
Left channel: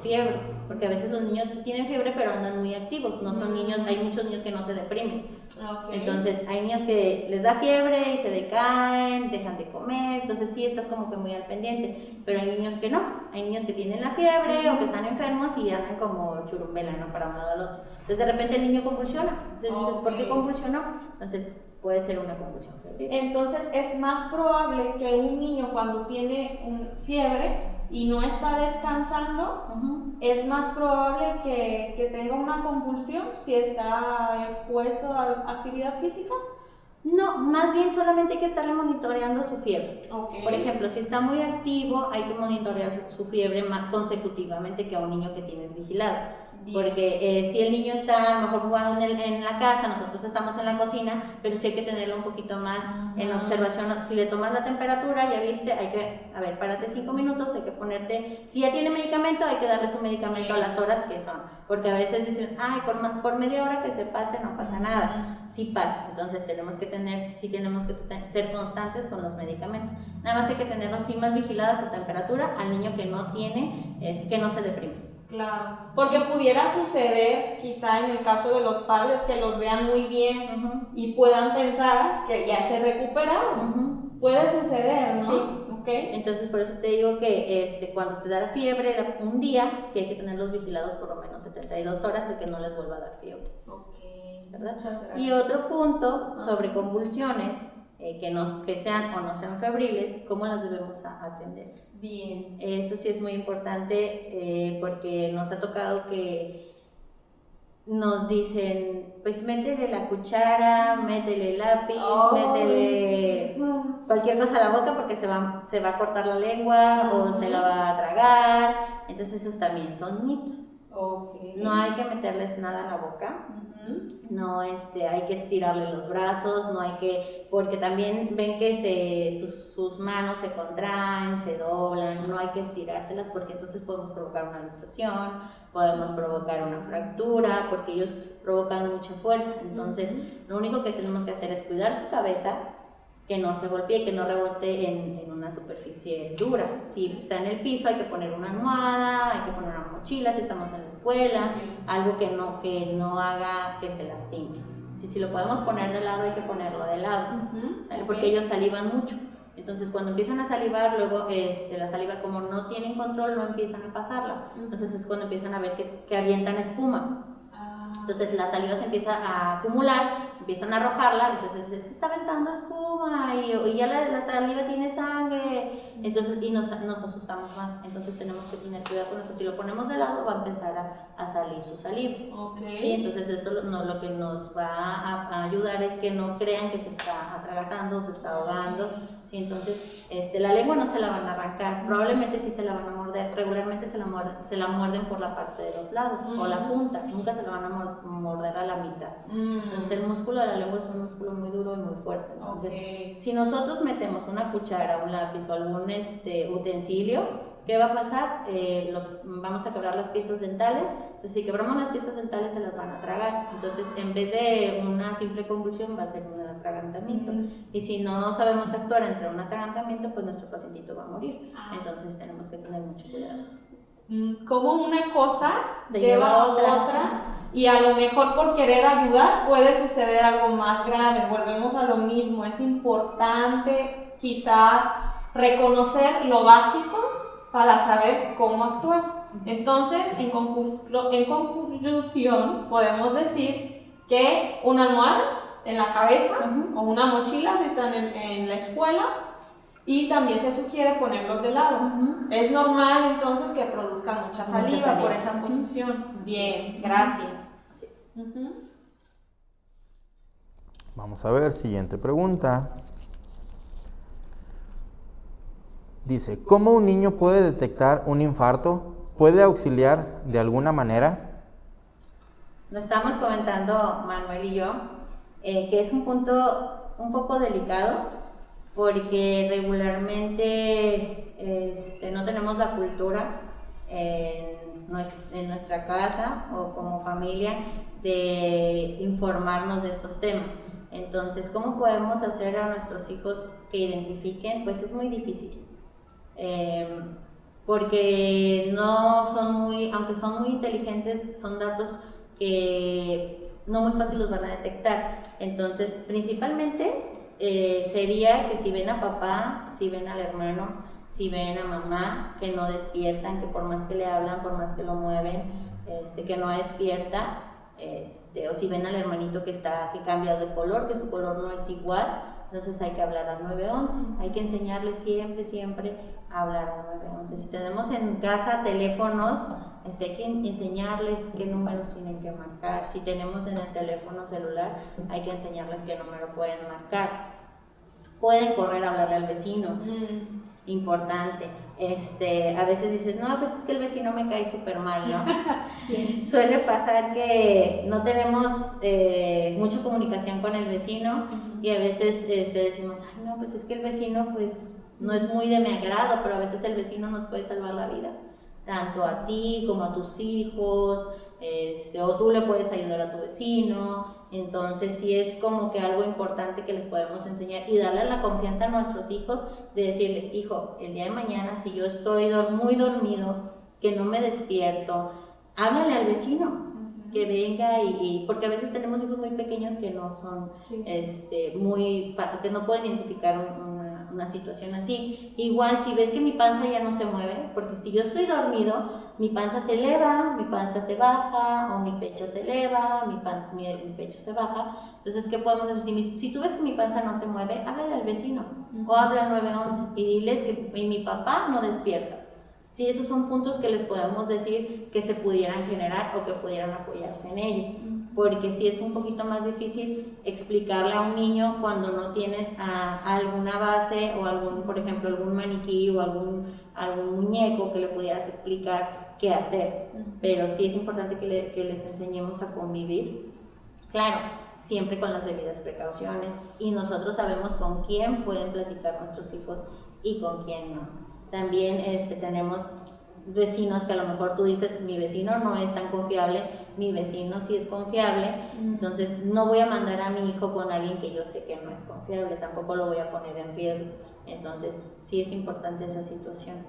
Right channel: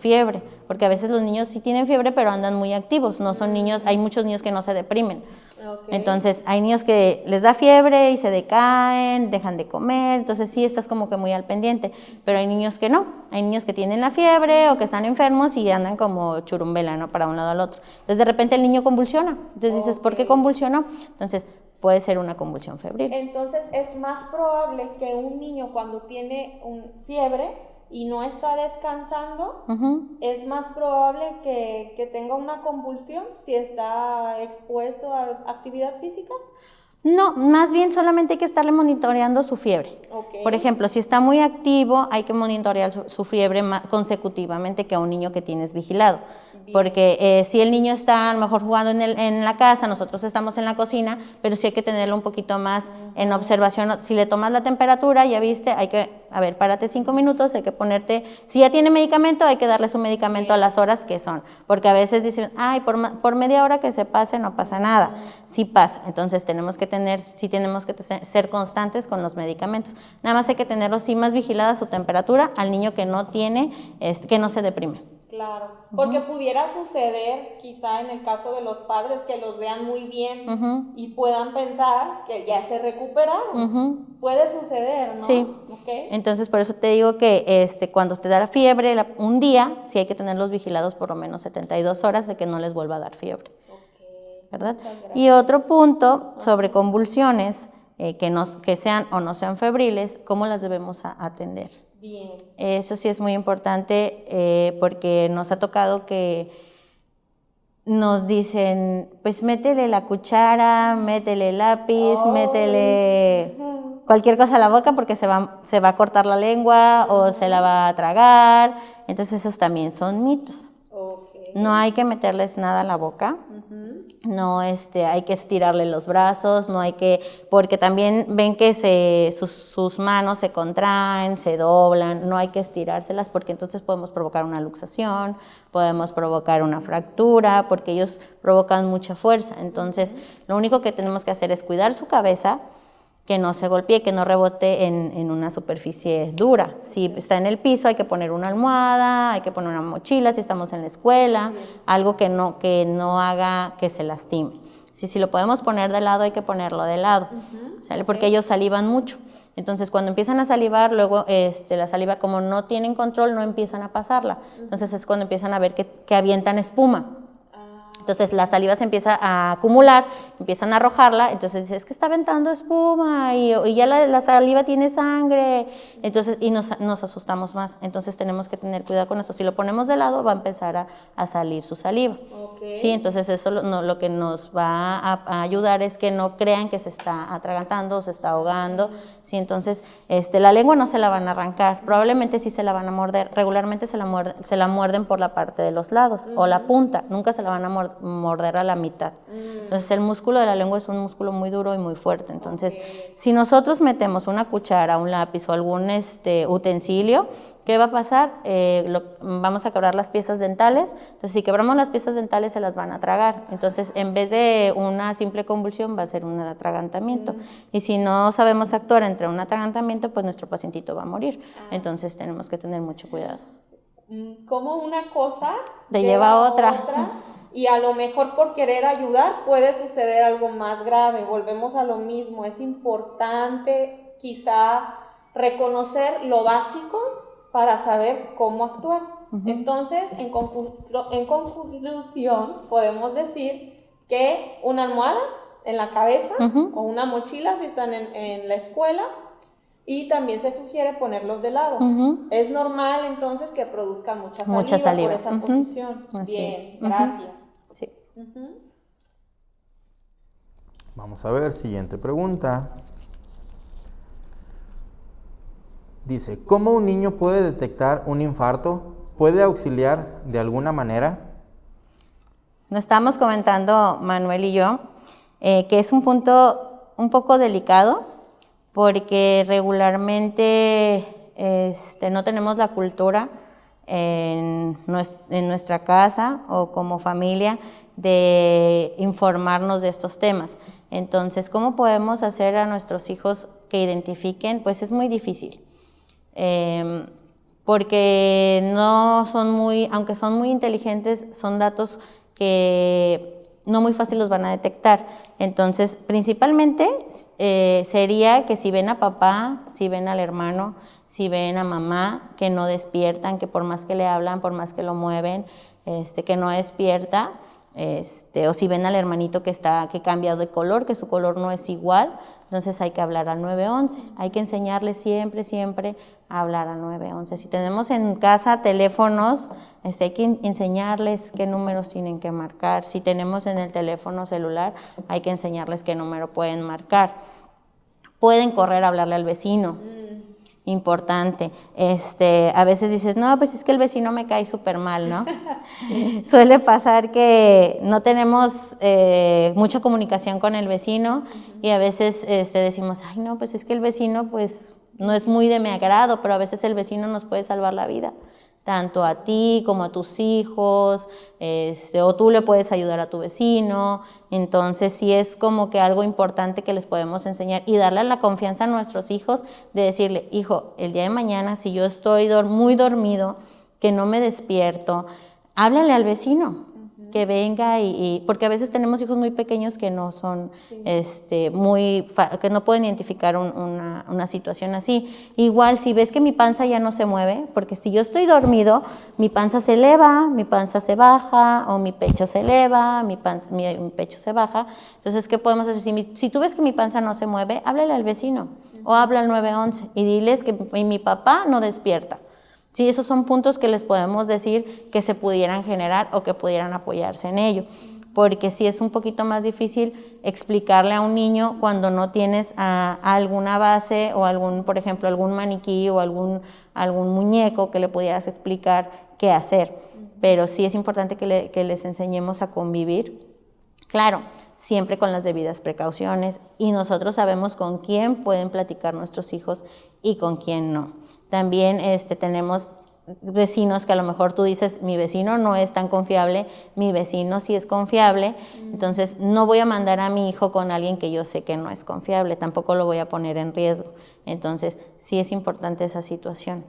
fiebre. Porque a veces los niños sí tienen fiebre, pero andan muy activos. No son niños, hay muchos niños que no se deprimen. Okay. Entonces hay niños que les da fiebre y se decaen, dejan de comer, entonces sí estás como que muy al pendiente, pero hay niños que no, hay niños que tienen la fiebre o que están enfermos y andan como churumbela, ¿no? Para un lado al otro. Entonces de repente el niño convulsiona, entonces dices, ¿por qué convulsionó? Entonces puede ser una convulsión febril. Entonces es más probable que un niño cuando tiene fiebre y no está descansando, es más probable que tenga una convulsión si está expuesto a actividad física. No, más bien solamente hay que estarle monitoreando su fiebre. Okay. Por ejemplo, si está muy activo, hay que monitorear su fiebre más consecutivamente que a un niño que tienes vigilado. Porque si el niño está a lo mejor jugando en la casa, nosotros estamos en la cocina, pero sí hay que tenerlo un poquito más en observación. Si le tomas la temperatura, ya viste, hay que, párate 5 minutos, hay que ponerte, si ya tiene medicamento, hay que darle su medicamento a las horas que son, porque a veces dicen, ay, por media hora que se pase no pasa nada. Sí pasa, entonces tenemos que ser constantes con los medicamentos. Nada más hay que tenerlo sí más vigilada su temperatura al niño que no tiene, que no se deprime. Claro, porque pudiera suceder, quizá en el caso de los padres, que los vean muy bien y puedan pensar que ya se recuperaron. Puede suceder, ¿no? Sí. Okay. Entonces, por eso te digo que cuando te da la fiebre un día, sí hay que tenerlos vigilados por lo menos 72 horas de que no les vuelva a dar fiebre. Okay. ¿Verdad? Y otro punto sobre convulsiones, que sean o no sean febriles, ¿cómo las debemos atender? Bien. Eso sí es muy importante porque nos ha tocado que nos dicen, pues métele la cuchara, métele el lápiz, métele cualquier cosa a la boca porque se va a cortar la lengua o se la va a tragar. Entonces esos también son mitos. Okay. No hay que meterles nada a la boca. No hay que estirarle los brazos, porque también ven que sus manos se contraen, se doblan, no hay que estirárselas porque entonces podemos provocar una luxación, podemos provocar una fractura, porque ellos provocan mucha fuerza. Entonces, lo único que tenemos que hacer es cuidar su cabeza que no se golpee, que no rebote en una superficie dura. Si está en el piso hay que poner una almohada, hay que poner una mochila, si estamos en la escuela, algo que no haga que se lastime. Si lo podemos poner de lado, hay que ponerlo de lado, ¿sale? Porque ellos salivan mucho. Entonces, cuando empiezan a salivar, luego la saliva, como no tienen control, no empiezan a pasarla. Entonces, es cuando empiezan a ver que avientan espuma. Entonces, la saliva se empieza a acumular, empiezan a arrojarla, entonces dice, es que está aventando espuma y ya la saliva tiene sangre, entonces, y nos asustamos más. Entonces, tenemos que tener cuidado con eso. Si lo ponemos de lado, va a empezar a salir su saliva. Okay. Sí, entonces eso lo que nos va a ayudar es que no crean que se está atragantando o se está ahogando. Sí, entonces, la lengua no se la van a arrancar, probablemente sí se la van a morder. Regularmente se la muerden por la parte de los lados o la punta, nunca se la van a morder a la mitad. Entonces, el músculo de la lengua es un músculo muy duro y muy fuerte. Entonces, si nosotros metemos una cuchara, un lápiz o algún utensilio, ¿qué va a pasar? Vamos a quebrar las piezas dentales. Entonces, si quebramos las piezas dentales, se las van a tragar. Entonces, en vez de una simple convulsión, va a ser un atragantamiento. Y si no sabemos actuar entre un atragantamiento, pues nuestro pacientito va a morir. Entonces, tenemos que tener mucho cuidado. Como una cosa te lleva a otra. Y a lo mejor por querer ayudar puede suceder algo más grave. Volvemos a lo mismo. Es importante quizá reconocer lo básico para saber cómo actuar. Entonces, en conclusión, podemos decir que una almohada en la cabeza o una mochila si están en la escuela, y también se sugiere ponerlos de lado. Es normal entonces que produzcan mucha saliva. Por esa posición. Así Bien, gracias. Sí. Vamos a ver, siguiente pregunta. Dice, ¿cómo un niño puede detectar un infarto? ¿Puede auxiliar de alguna manera? Nos estamos comentando Manuel y yo que es un punto un poco delicado porque regularmente no tenemos la cultura en nuestra casa o como familia de informarnos de estos temas. Entonces, ¿cómo podemos hacer a nuestros hijos que identifiquen? Pues es muy difícil. Porque aunque son muy inteligentes, son datos que no muy fácil los van a detectar. Entonces, principalmente sería que si ven a papá, si ven al hermano, si ven a mamá, que no despiertan, que por más que le hablan, por más que lo mueven, que no despierta, o si ven al hermanito que ha cambiado de color, que su color no es igual, entonces hay que hablar al 911. Hay que enseñarles siempre a hablar al 911. Si tenemos en casa teléfonos, hay que enseñarles qué números tienen que marcar. Si tenemos en el teléfono celular, hay que enseñarles qué número pueden marcar. Pueden correr a hablarle al vecino. Importante. A veces dices, no, pues es que el vecino me cae súper mal, ¿no? Suele pasar que no tenemos mucha comunicación con el vecino y a veces decimos, ay, no, pues es que el vecino pues no es muy de mi agrado, pero a veces el vecino nos puede salvar la vida, tanto a ti como a tus hijos, o tú le puedes ayudar a tu vecino. Entonces sí es como que algo importante que les podemos enseñar y darle la confianza a nuestros hijos de decirle, hijo, el día de mañana si yo estoy muy dormido, que no me despierto, háblale al vecino, que venga porque a veces tenemos hijos muy pequeños que no son, que no pueden identificar una situación así. Igual, si ves que mi panza ya no se mueve, porque si yo estoy dormido, mi panza se eleva, mi panza se baja, o mi pecho se eleva, mi pecho se baja. Entonces, ¿qué podemos hacer? Si tú ves que mi panza no se mueve, háblale al vecino, o habla al 911 y diles que mi papá no despierta. Sí, esos son puntos que les podemos decir que se pudieran generar o que pudieran apoyarse en ello, porque sí es un poquito más difícil explicarle a un niño cuando no tienes alguna base o por ejemplo, algún maniquí o algún muñeco que le pudieras explicar qué hacer, pero sí es importante que les enseñemos a convivir, claro, siempre con las debidas precauciones, y nosotros sabemos con quién pueden platicar nuestros hijos y con quién no. También tenemos vecinos que a lo mejor tú dices, mi vecino no es tan confiable, mi vecino sí es confiable, entonces no voy a mandar a mi hijo con alguien que yo sé que no es confiable, tampoco lo voy a poner en riesgo. Entonces sí es importante esa situación,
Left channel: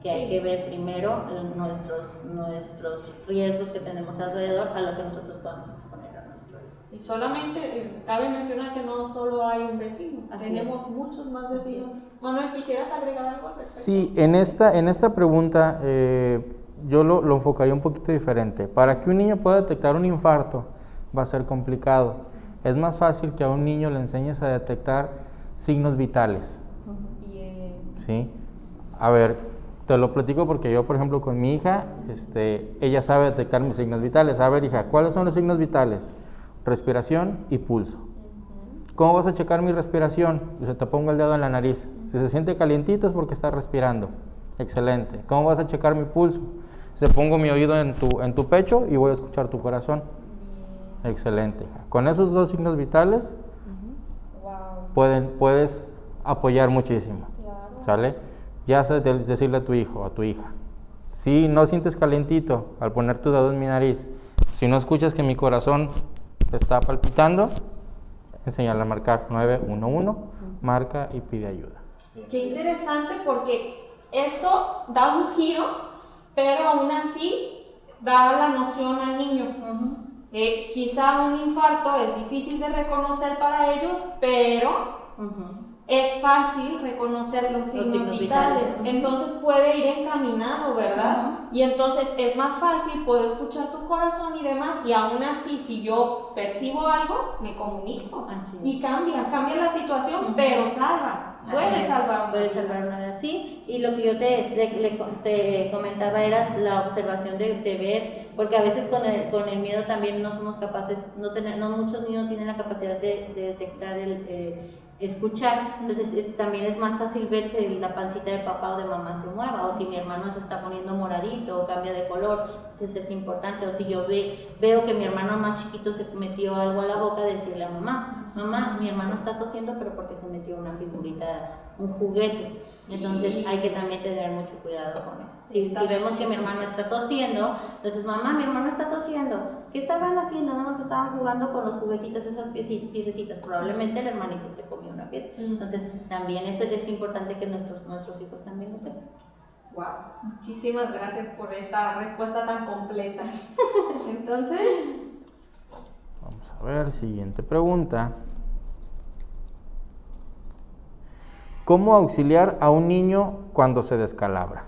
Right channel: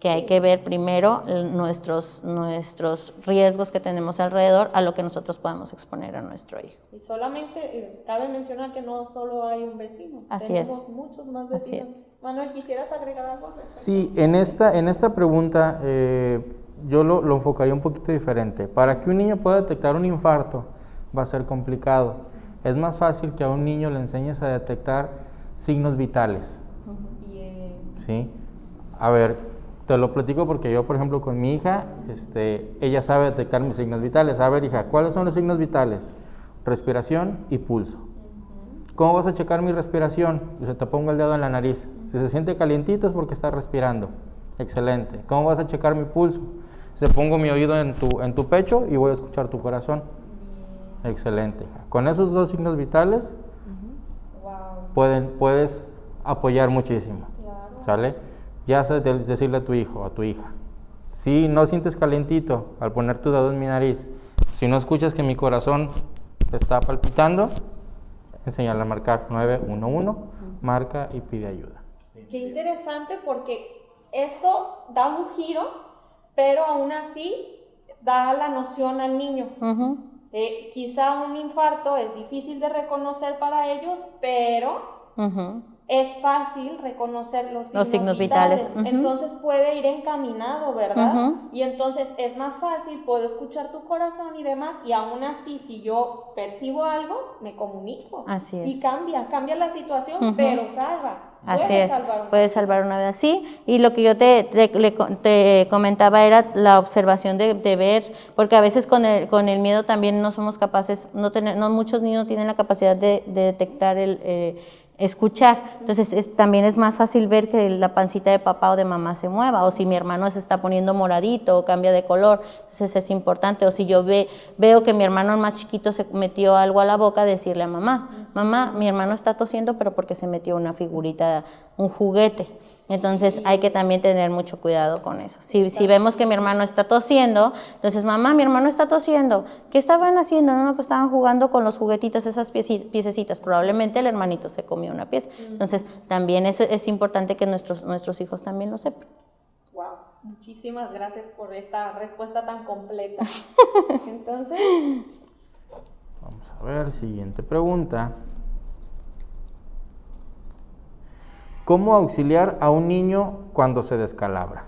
que hay que ver primero nuestros riesgos que tenemos alrededor a lo que nosotros podamos exponer a nuestro hijo. Y solamente cabe mencionar que no solo hay un vecino, Así tenemos muchos más vecinos. Manuel, ¿quisieras agregar algo al respecto? Sí, en esta pregunta yo lo enfocaría un poquito diferente. Para que un niño pueda detectar un infarto va a ser complicado. Es más fácil que a un niño le enseñes a detectar signos vitales. ¿Sí? A ver, te lo platico porque yo, por ejemplo, con mi hija, ella sabe detectar mis signos vitales. A ver, hija, ¿cuáles son los signos vitales? Respiración y pulso. ¿Cómo vas a checar mi respiración? Dice, te pongo el dedo en la nariz. Si se siente calientito es porque estás respirando. Excelente. ¿Cómo vas a checar mi pulso? Se pongo mi oído en tu pecho y voy a escuchar tu corazón. Excelente. Con esos dos signos vitales puedes apoyar muchísimo. Claro. ¿Sale? Ya sabes decirle a tu hijo o a tu hija, si no sientes calientito al poner tu dedo en mi nariz, si no escuchas que mi corazón está palpitando, enséñale a marcar 911, marca y pide ayuda. Qué interesante, porque esto da un giro, pero aún así da la noción al niño. Quizá un infarto es difícil de reconocer para ellos, pero es fácil reconocer los signos vitales. Entonces puede ir encaminado, ¿verdad? Y entonces es más fácil, puedo escuchar tu corazón y demás, y aún así, si yo percibo algo, me comunico. Así es. Y cambia la situación, pero salva. Puede salvar una vida, sí. Y lo que yo te comentaba era la observación de ver, porque a veces con el miedo también no somos capaces, no muchos niños tienen la capacidad de detectar escuchar, entonces también es más fácil ver que la pancita de papá o de mamá se mueva, o si mi hermano se está poniendo moradito o cambia de color, entonces es importante, o si yo veo que mi hermano más chiquito se metió algo a la boca, decirle a mamá, mi hermano está tosiendo, pero porque se metió una figurita, un juguete. Entonces hay que también tener mucho cuidado con eso. Si vemos que mi hermano está tosiendo, entonces, mamá, mi hermano está tosiendo, ¿qué estaban haciendo? No, pues estaban jugando con los juguetitos, esas piececitas, probablemente el hermanito se comió una pieza. Entonces también es importante que nuestros hijos también lo sepan. Wow, muchísimas gracias por esta respuesta tan completa. Entonces, vamos a ver, siguiente pregunta. ¿Cómo auxiliar a un niño cuando se descalabra?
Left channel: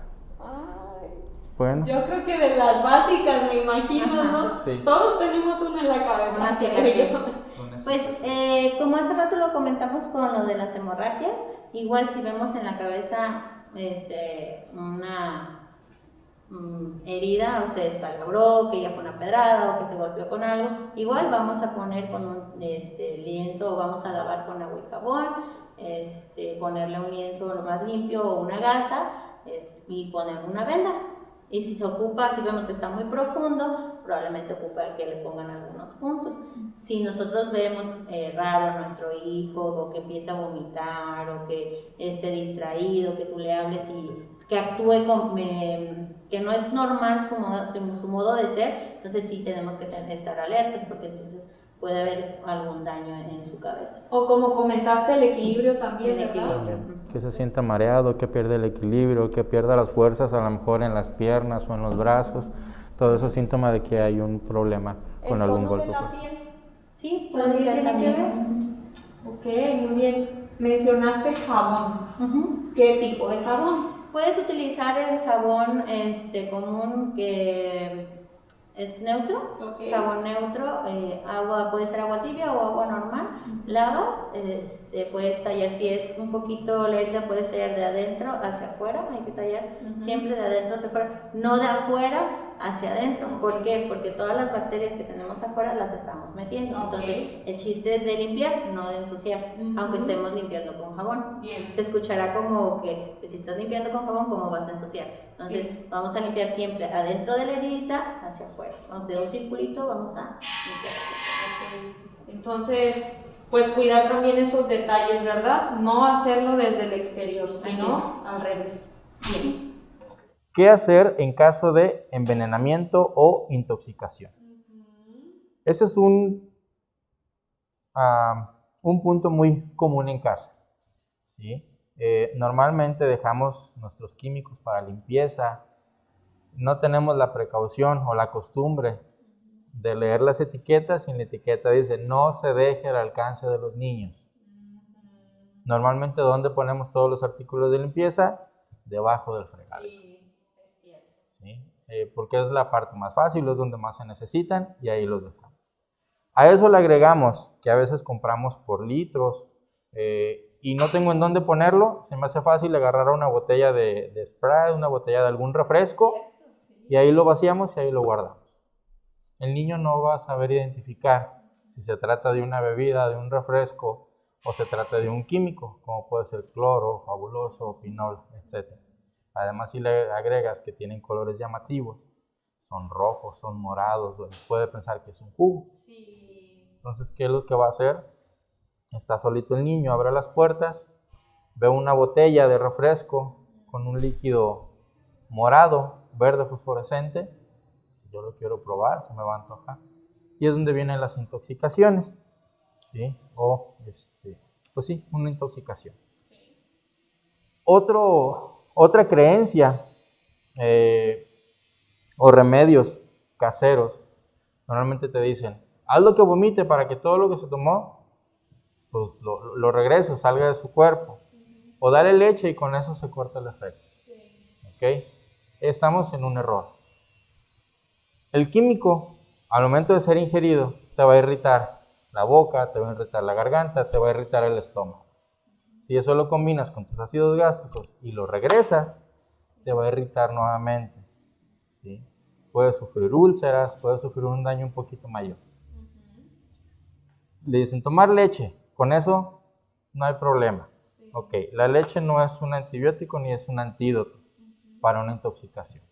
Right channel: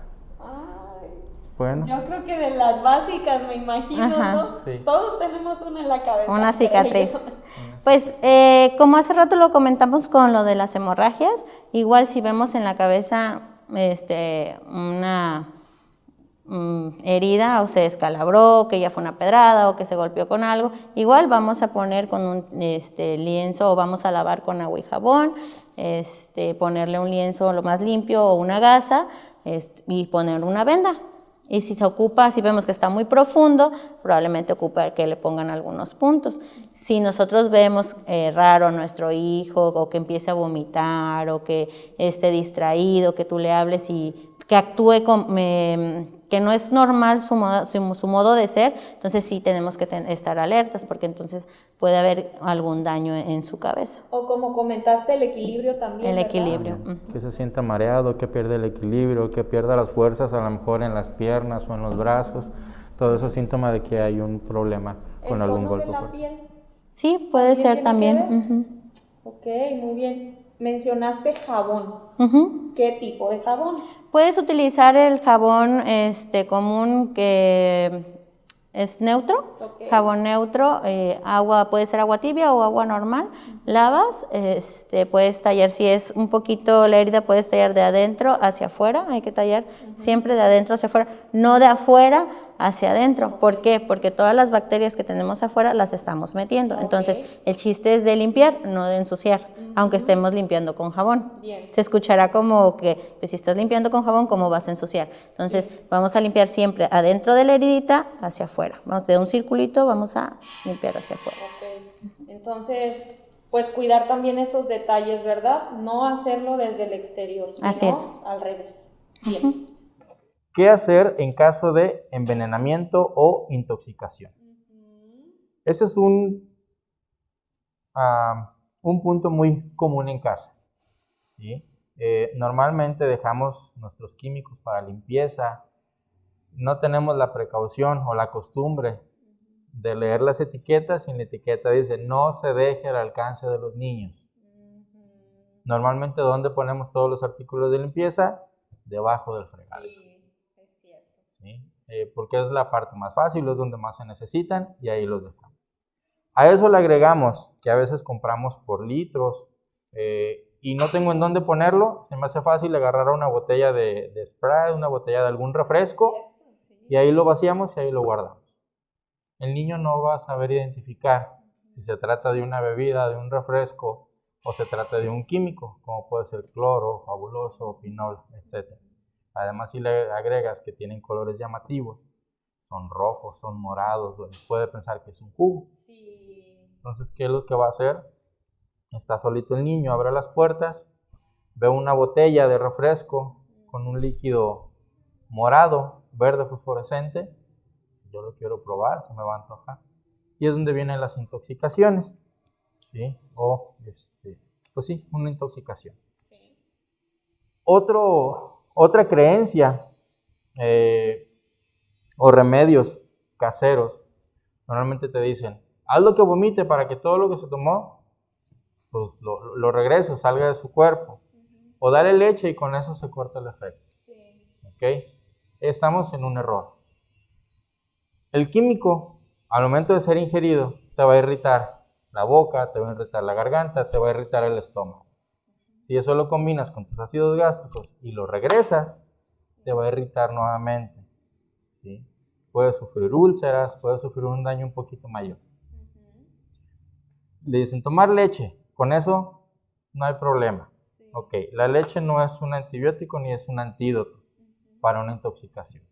Bueno. Yo creo que de las básicas, me imagino, ¿no? Sí. Todos tenemos una en la cabeza. Una cicatriz. Pues, como hace rato lo comentamos con lo de las hemorragias, igual si vemos en la cabeza una herida, o se descalabró, que ya fue una pedrada o que se golpeó con algo, igual vamos a poner con un lienzo, o vamos a lavar con agua y jabón, ponerle un lienzo lo más limpio o una gasa, y ponerle una venda. Y si vemos que está muy profundo, probablemente ocupa que le pongan algunos puntos. Si nosotros vemos raro a nuestro hijo, o que empiece a vomitar, o que esté distraído, que tú le hables y que actúe que no es normal su modo de ser, entonces sí tenemos que estar alertas, porque entonces puede haber algún daño en su cabeza. O como comentaste, el equilibrio también. El equilibrio. Que se sienta mareado, que pierda el equilibrio, que pierda las fuerzas a lo mejor en las piernas o en los brazos. Todo eso es síntoma de que hay un problema con algún golpe. ¿El tono de la piel? Sí, puede ser también. Ok, muy bien. Mencionaste jabón. ¿Qué tipo de jabón? Puedes utilizar el jabón común, que es neutro, jabón neutro, puede ser agua tibia o agua normal. Lavas, puedes tallar, si es un poquito la herida, puedes tallar de adentro hacia afuera, hay que tallar siempre de adentro hacia afuera, no de afuera hacia adentro. ¿Por qué? Porque todas las bacterias que tenemos afuera las estamos metiendo. Entonces, el chiste es de limpiar, no de ensuciar, aunque estemos limpiando con jabón. Se escuchará como que, pues, si estás limpiando con jabón, ¿cómo vas a ensuciar? Entonces, vamos a limpiar siempre adentro de la heridita hacia afuera. Vamos de un circulito, vamos a limpiar hacia afuera. Entonces, pues cuidar también esos detalles, ¿verdad? No hacerlo desde el exterior, sino al revés. Bien. ¿Qué hacer en caso de envenenamiento o intoxicación? Ese es un punto muy común en casa, ¿sí? Normalmente dejamos nuestros químicos para limpieza, no tenemos la precaución o la costumbre de leer las etiquetas y en la etiqueta dice no se deje al alcance de los niños. Normalmente, ¿dónde ponemos todos los artículos de limpieza? Debajo del fregadero. Sí, es cierto. ¿Sí? Porque es la parte más fácil, es donde más se necesitan y ahí los dejamos. A eso le agregamos que a veces compramos por litros y no tengo en dónde ponerlo, se me hace fácil agarrar una botella de Sprite, una botella de algún refresco y ahí lo vaciamos y ahí lo guardamos. El niño no va a saber identificar si se trata de una bebida, de un refresco o se trata de un químico, como puede ser cloro, fabuloso, pinol, etc. Además, si le agregas que tienen colores llamativos, son rojos, son morados, puede pensar que es un jugo. Entonces, ¿qué es lo que va a hacer? Está solito el niño, abre las puertas, ve una botella de refresco con un líquido morado, verde fosforescente. Si yo lo quiero probar, se me va a antojar. Y es donde vienen las intoxicaciones, ¿sí? O, pues sí, una intoxicación. Otra creencia o remedios caseros, normalmente te dicen, haz lo que vomite para que todo lo que se tomó, pues lo regrese, salga de su cuerpo. O dale leche y con eso se corta el efecto. ¿Ok? Estamos en un error. El químico, al momento de ser ingerido, te va a irritar la boca, te va a irritar la garganta, te va a irritar el estómago. Si eso lo combinas con tus ácidos gástricos y lo regresas, te va a irritar nuevamente, ¿sí? Puedes sufrir úlceras, puedes sufrir un daño un poquito mayor. Le dicen tomar leche, con eso no hay problema. Ok, la leche no es un antibiótico ni es un antídoto para una intoxicación.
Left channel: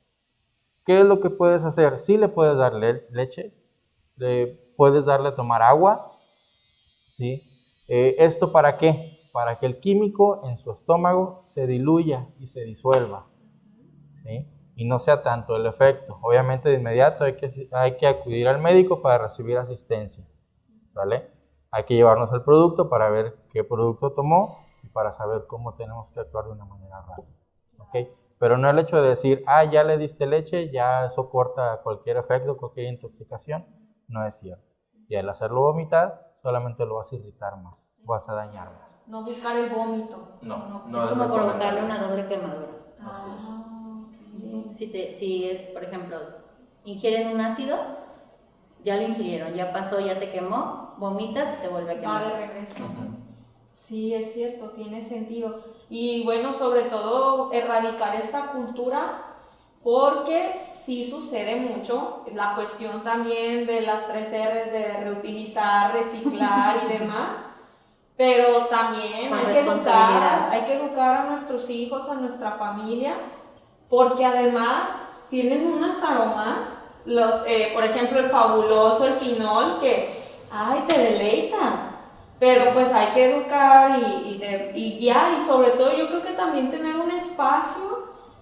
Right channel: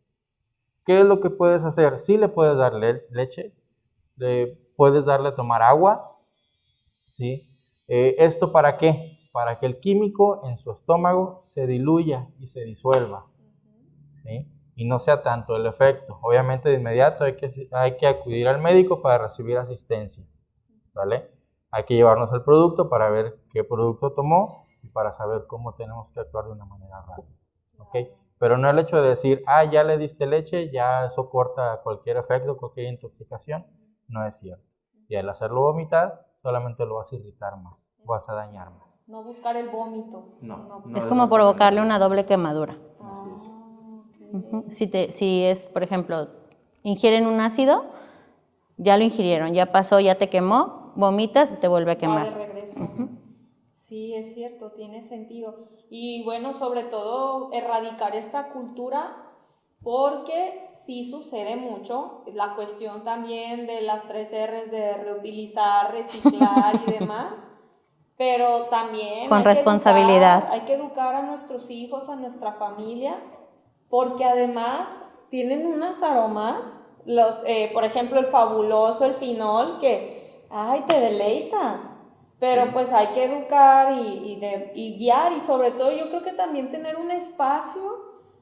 ¿Qué es lo que puedes hacer? Sí le puedes dar leche, puedes darle a tomar agua, ¿sí? ¿Esto para qué? Para que el químico en su estómago se diluya y se disuelva, ¿sí? Y no sea tanto el efecto. Obviamente de inmediato hay que acudir al médico para recibir asistencia, ¿vale? Hay que llevarnos el producto para ver qué producto tomó y para saber cómo tenemos que actuar de una manera rápida, ¿ok? Pero no el hecho de decir, ya le diste leche, ya eso corta cualquier efecto, cualquier intoxicación, no es cierto. Y al hacerlo vomitar, solamente lo vas a irritar más, vas a dañar más. No buscar el vómito. No es como provocarle una doble quemadura. Así es. Si es, por ejemplo, ingieren un ácido, ya lo ingirieron, ya pasó, ya te quemó, vomitas y te vuelve a quemar. De regreso. Sí, es cierto, tiene sentido. Y bueno, sobre todo erradicar esta cultura, porque sí sucede mucho, la cuestión también de las 3 R's de reutilizar, reciclar y demás, pero también con responsabilidad. Hay que educar a nuestros hijos, a nuestra familia, porque además tienen unos aromas, por ejemplo el fabuloso, el pinol, que te deleitan. Pero pues hay que educar y guiar, y sobre todo yo creo que también tener un espacio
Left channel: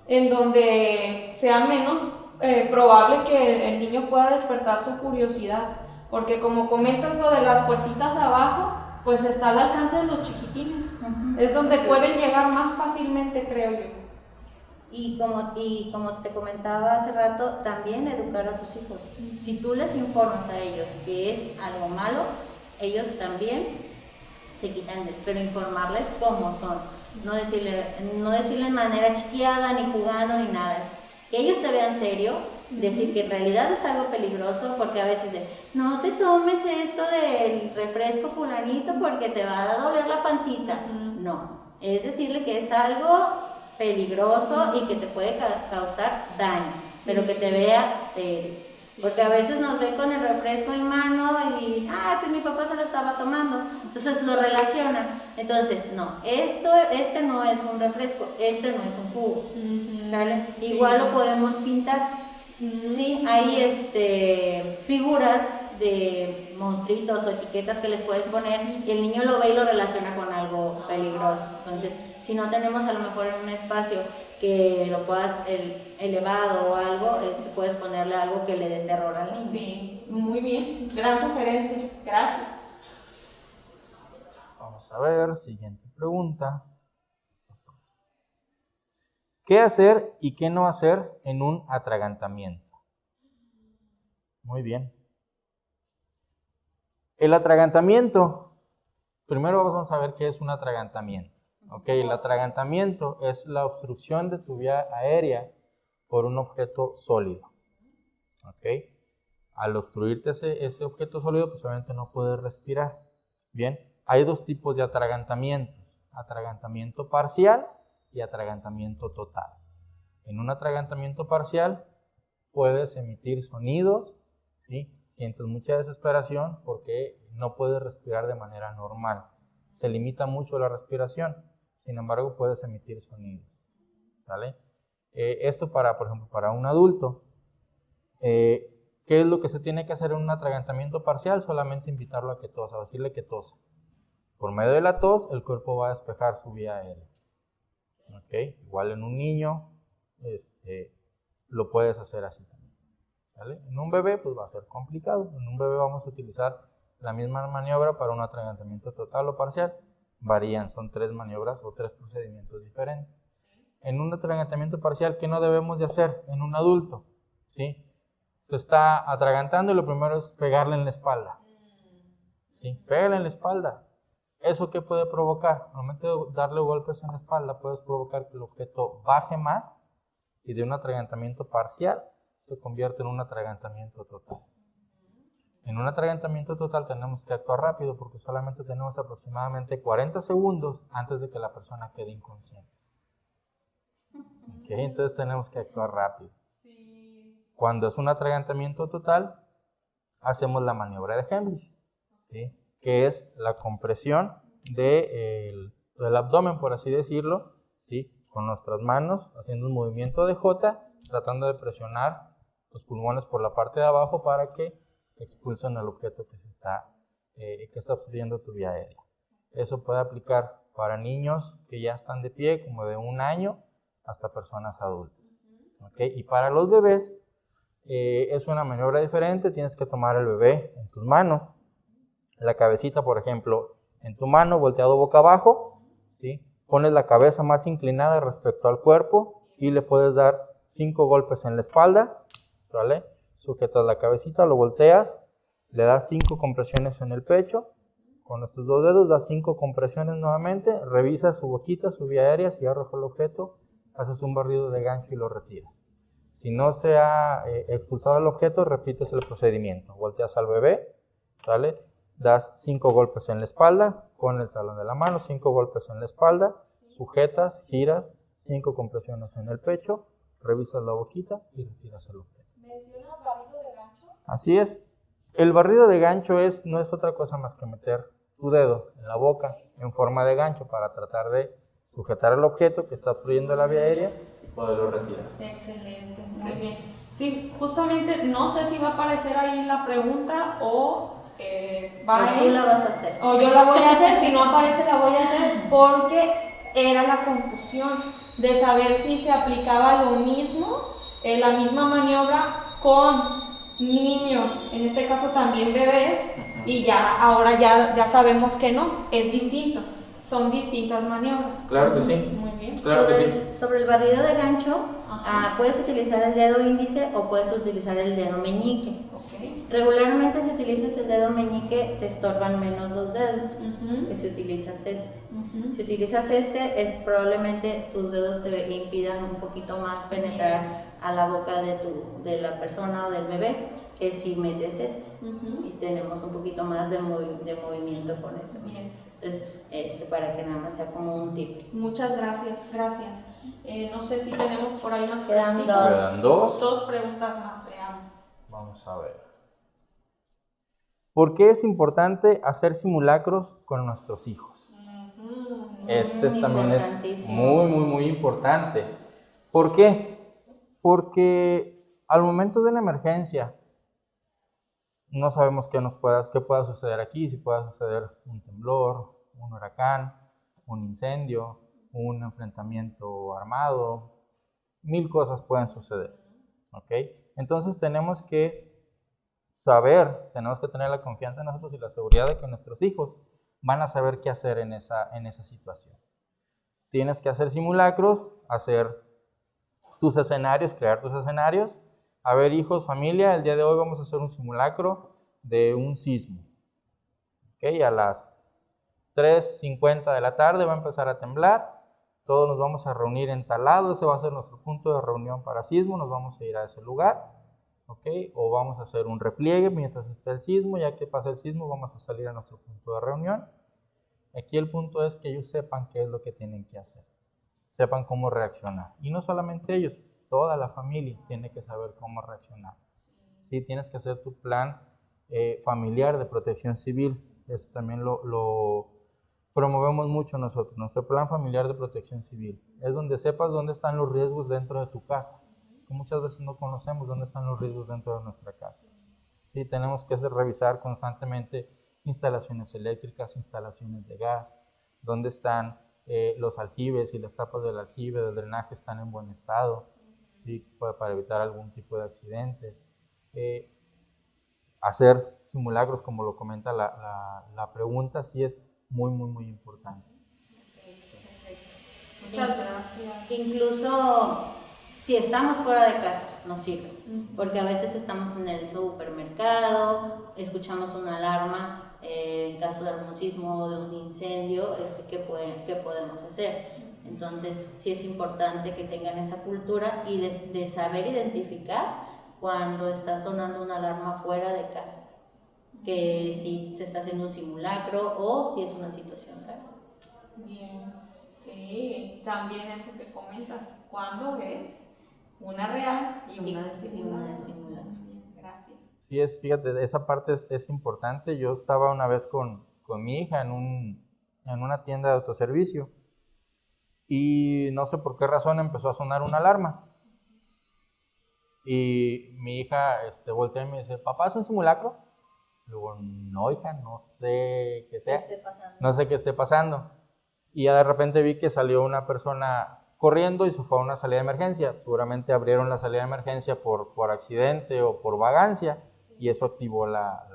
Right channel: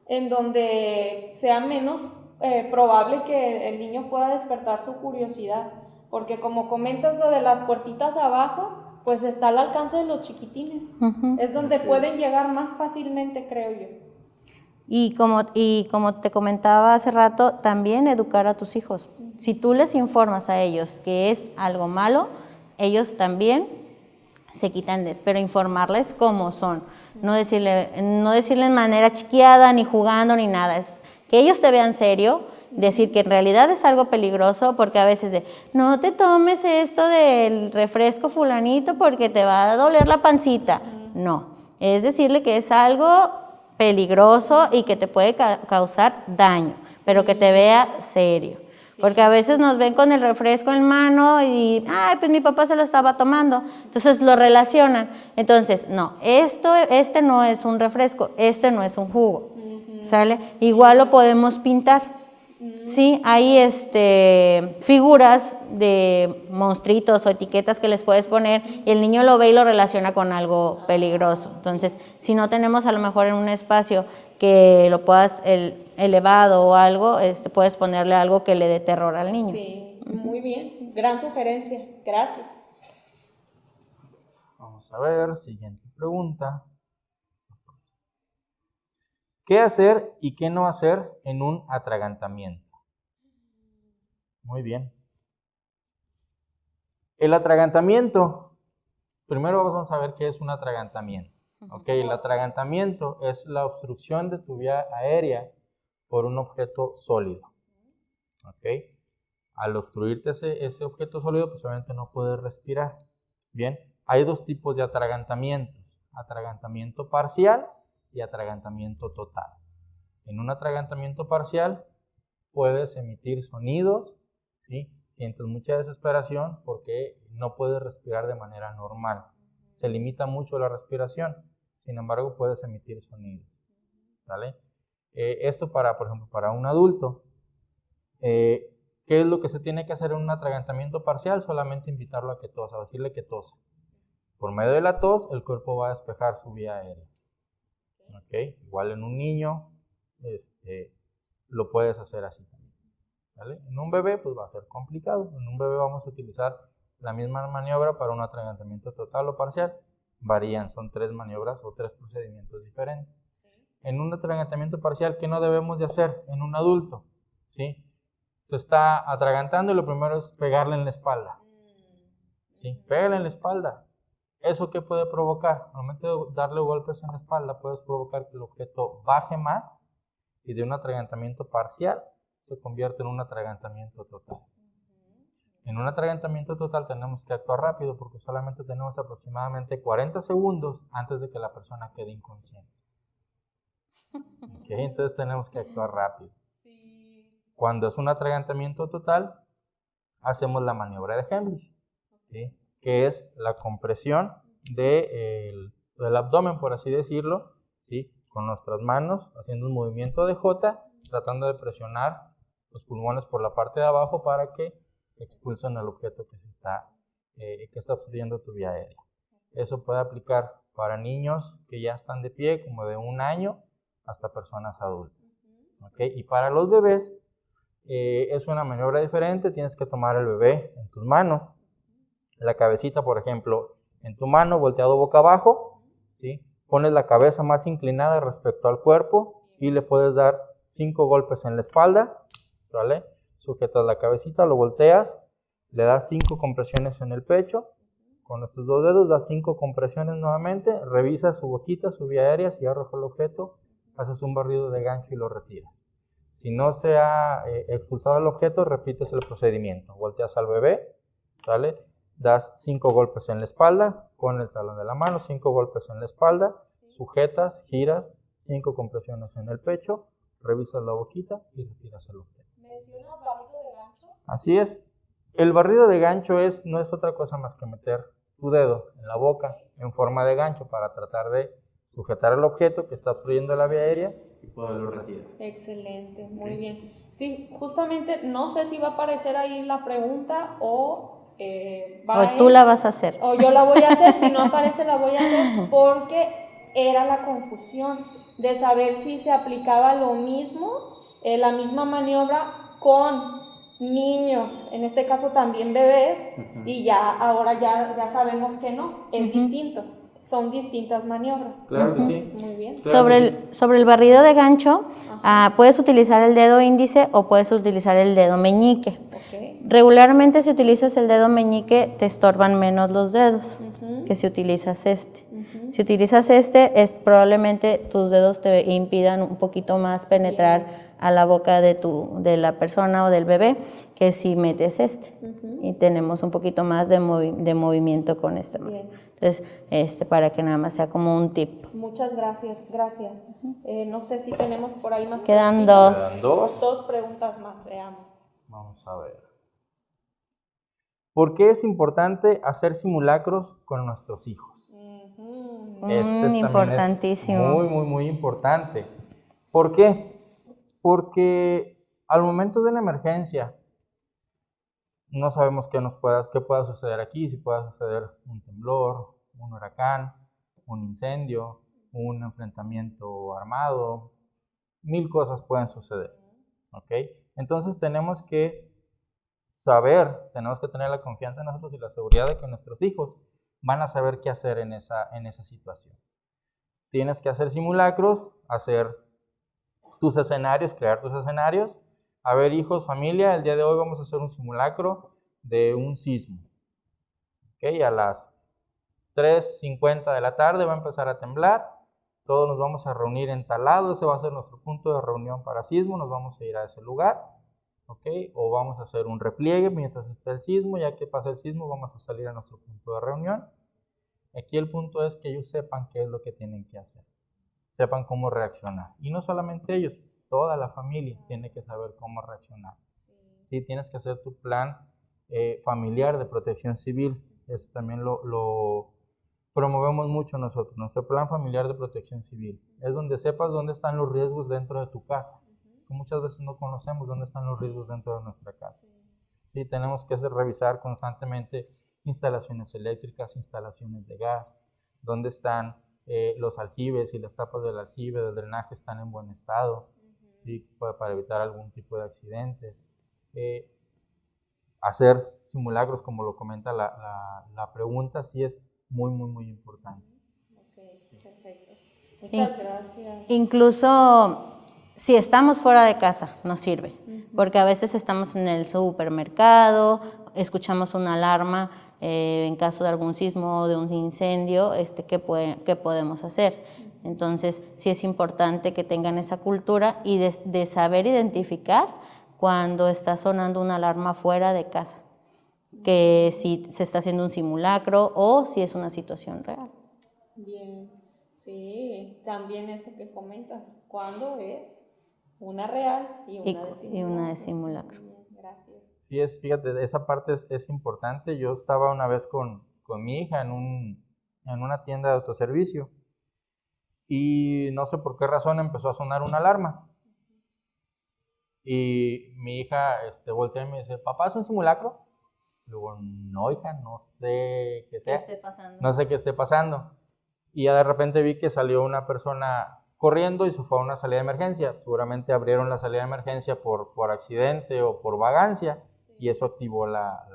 en donde sea menos probable que el niño pueda despertar su curiosidad. Porque como comentas lo de las puertitas abajo, pues está al alcance de los chiquitines. Es donde pueden llegar más fácilmente, creo yo. Y como te comentaba hace rato, también educar a tus hijos. Si tú les informas a ellos que es algo malo, ellos también se quitan pero informarles cómo son. No decirle de manera chiquiada, ni jugando, ni nada. Es que ellos te vean serio, decir que en realidad es algo peligroso, porque a veces no te tomes esto del refresco fulanito porque te va a doler la pancita. No, es decirle que es algo peligroso y que te puede causar daño, pero que te vea serio. Porque a veces nos ven con el refresco en mano y, pues mi papá se lo estaba tomando. Entonces lo relacionan. Entonces, no, este no es un refresco, este no es un jugo, ¿sale? Igual lo podemos pintar, ¿sí? Hay figuras de monstruitos o etiquetas que les puedes poner y el niño lo ve y lo relaciona con algo peligroso. Entonces, si no tenemos a lo mejor en un espacio que lo puedas elevado o algo, puedes ponerle algo que le dé terror al niño. Sí, muy bien. Gran sugerencia. Gracias. Vamos a ver, siguiente pregunta. ¿Qué hacer y qué no hacer en un atragantamiento? Muy bien. El atragantamiento, primero vamos a ver qué es un atragantamiento. Okay, el atragantamiento es la obstrucción de tu vía aérea por un objeto sólido. Okay. Al obstruirte ese objeto sólido, pues obviamente no puedes respirar. Bien, hay dos tipos de atragantamientos: atragantamiento parcial y atragantamiento total. En un atragantamiento parcial puedes emitir sonidos, ¿sí? Sientes mucha desesperación porque no puedes respirar de manera normal. Se limita mucho la respiración, sin embargo puedes emitir sonidos, ¿vale? Esto por ejemplo, para un adulto, ¿qué es lo que se tiene que hacer en un atragantamiento parcial? Solamente invitarlo a que tosa, decirle que tosa. Por medio de la tos, el cuerpo va a despejar su vía aérea. ¿Okay? Igual en un niño, lo puedes hacer así también, ¿vale? En un bebé, pues va a ser complicado. En un bebé vamos a utilizar la misma maniobra para un atragantamiento total o parcial. Varían, son 3 maniobras o 3 procedimientos diferentes. En un atragantamiento parcial, ¿qué no debemos de hacer en un adulto? ¿Sí? Se está atragantando y lo primero es pegarle en la espalda. ¿Sí? Pégale en la espalda. ¿Eso qué puede provocar? Al momento de darle golpes en la espalda, puedes provocar que el objeto baje más y de un atragantamiento parcial se convierte en un atragantamiento total. En un atragantamiento total tenemos que actuar rápido porque solamente tenemos aproximadamente 40 segundos antes de que la persona quede inconsciente. ¿Okay? Entonces tenemos que actuar rápido. Cuando es un atragantamiento total, hacemos la maniobra de Heimlich, ¿sí? Que es la compresión del abdomen, por así decirlo, ¿sí? Con nuestras manos, haciendo un movimiento de J, tratando de presionar los pulmones por la parte de abajo para que expulsen el objeto que está obstruyendo tu vía aérea. Eso puede aplicar para niños que ya están de pie, como de 1 año, hasta personas adultas. ¿Okay? Y para los bebés, es una maniobra diferente. Tienes que tomar el bebé en tus manos, la cabecita, por ejemplo, en tu mano, volteado boca abajo, ¿sí? Pones la cabeza más inclinada respecto al cuerpo y le puedes dar 5 golpes en la espalda, ¿vale? Sujetas la cabecita, lo volteas, le das 5 compresiones en el pecho, con estos 2 dedos das 5 compresiones nuevamente, revisas su boquita, su vía aérea, si arroja el objeto, haces un barrido de gancho y lo retiras. Si no se ha expulsado el objeto, repites el procedimiento, volteas al bebé, ¿vale? Das 5 golpes en la espalda con el talón de la mano, 5 golpes en la espalda, sujetas, giras, 5 compresiones en el pecho, revisas la boquita y retiras el objeto. ¿Mencionas barrido de gancho? Así es. El barrido de gancho no es otra cosa más que meter tu dedo en la boca en forma de gancho para tratar de sujetar el objeto que está obstruyendo la vía aérea y poderlo retirar. Excelente, muy bien. Sí, justamente no sé si va a aparecer ahí la pregunta o tú la vas a hacer. O yo la voy a hacer, si no aparece la voy a hacer porque era la confusión de saber si se aplicaba lo mismo, la misma maniobra con niños, en este caso también bebés, y ahora ya sabemos que no, es distinto, son distintas maniobras. Claro que sí. Muy bien. Claro Sobre el barrido de gancho, puedes utilizar el dedo índice o puedes utilizar el dedo meñique. Okay. Regularmente si utilizas el dedo meñique te estorban menos los dedos que si utilizas este. Si utilizas este, probablemente tus dedos te impidan un poquito más penetrar a la boca de la persona o del bebé que si metes este. Y tenemos un poquito más de movimiento con este. Bien. Entonces, para que nada más sea como un tip. Muchas gracias. No sé si tenemos por ahí unas Quedan preguntitas. Quedan dos. 2 preguntas más, veamos. Vamos a ver. ¿Por qué es importante hacer simulacros con nuestros hijos? Este también es muy importante. ¿Por qué? Porque al momento de una emergencia no sabemos qué pueda suceder aquí, si pueda suceder un temblor, un huracán, un incendio, un enfrentamiento armado, 1000 cosas pueden suceder, ¿ok? Entonces tenemos que saber, tenemos que tener la confianza en nosotros y la seguridad de que nuestros hijos van a saber qué hacer en esa situación. Tienes que hacer simulacros, hacer tus escenarios, crear tus escenarios. A ver, hijos, familia, el día de hoy vamos a hacer un simulacro de un sismo. ¿Ok? A las 3:50 de la tarde va a empezar a temblar. Todos nos vamos a reunir en tal lado. Ese va a ser nuestro punto de reunión para sismo. Nos vamos a ir a ese lugar. ¿Ok? O vamos a hacer un repliegue mientras esté el sismo. Ya que pasa el sismo, vamos a salir a nuestro punto de reunión. Aquí el punto es que ellos sepan qué es lo que tienen que hacer. Sepan cómo reaccionar. Y no solamente ellos, toda la familia tiene que saber cómo reaccionar. ¿Sí? Tienes que hacer tu plan familiar de protección civil. Eso también lo promovemos mucho nosotros. Nuestro plan familiar de protección civil es donde sepas dónde están los riesgos dentro de tu casa. Muchas veces no conocemos dónde están los riesgos dentro de nuestra casa. ¿Sí? Tenemos que revisar constantemente instalaciones eléctricas, instalaciones de gas, dónde están los aljibes y las tapas del aljibe, del drenaje están en buen estado, ¿sí? Para evitar algún tipo de accidentes. Hacer simulacros, como lo comenta la pregunta, sí es muy, muy, muy importante. Muchas gracias. Incluso si estamos fuera de casa, nos sirve, porque a veces estamos en el supermercado, escuchamos una alarma en caso de algún sismo o de un incendio, ¿qué podemos hacer? Entonces, sí es importante que tengan esa cultura y de saber identificar cuando está sonando una alarma fuera de casa, que si se está haciendo un simulacro o si es una situación real. Bien, sí, también eso que comentas, ¿cuándo es una real y una de simulacro? Bien, gracias. Sí, fíjate, esa parte es importante. Yo estaba una vez con mi hija en una tienda de autoservicio y no sé por qué razón empezó a sonar una alarma. Y mi hija voltea y me dice, ¿papá, es un simulacro? Le digo, no, hija, no sé qué sea. No sé qué esté pasando. Y ya de repente vi que salió una persona corriendo y se fue a una salida de emergencia. Seguramente abrieron la salida de emergencia por accidente o por vagancia y eso activó la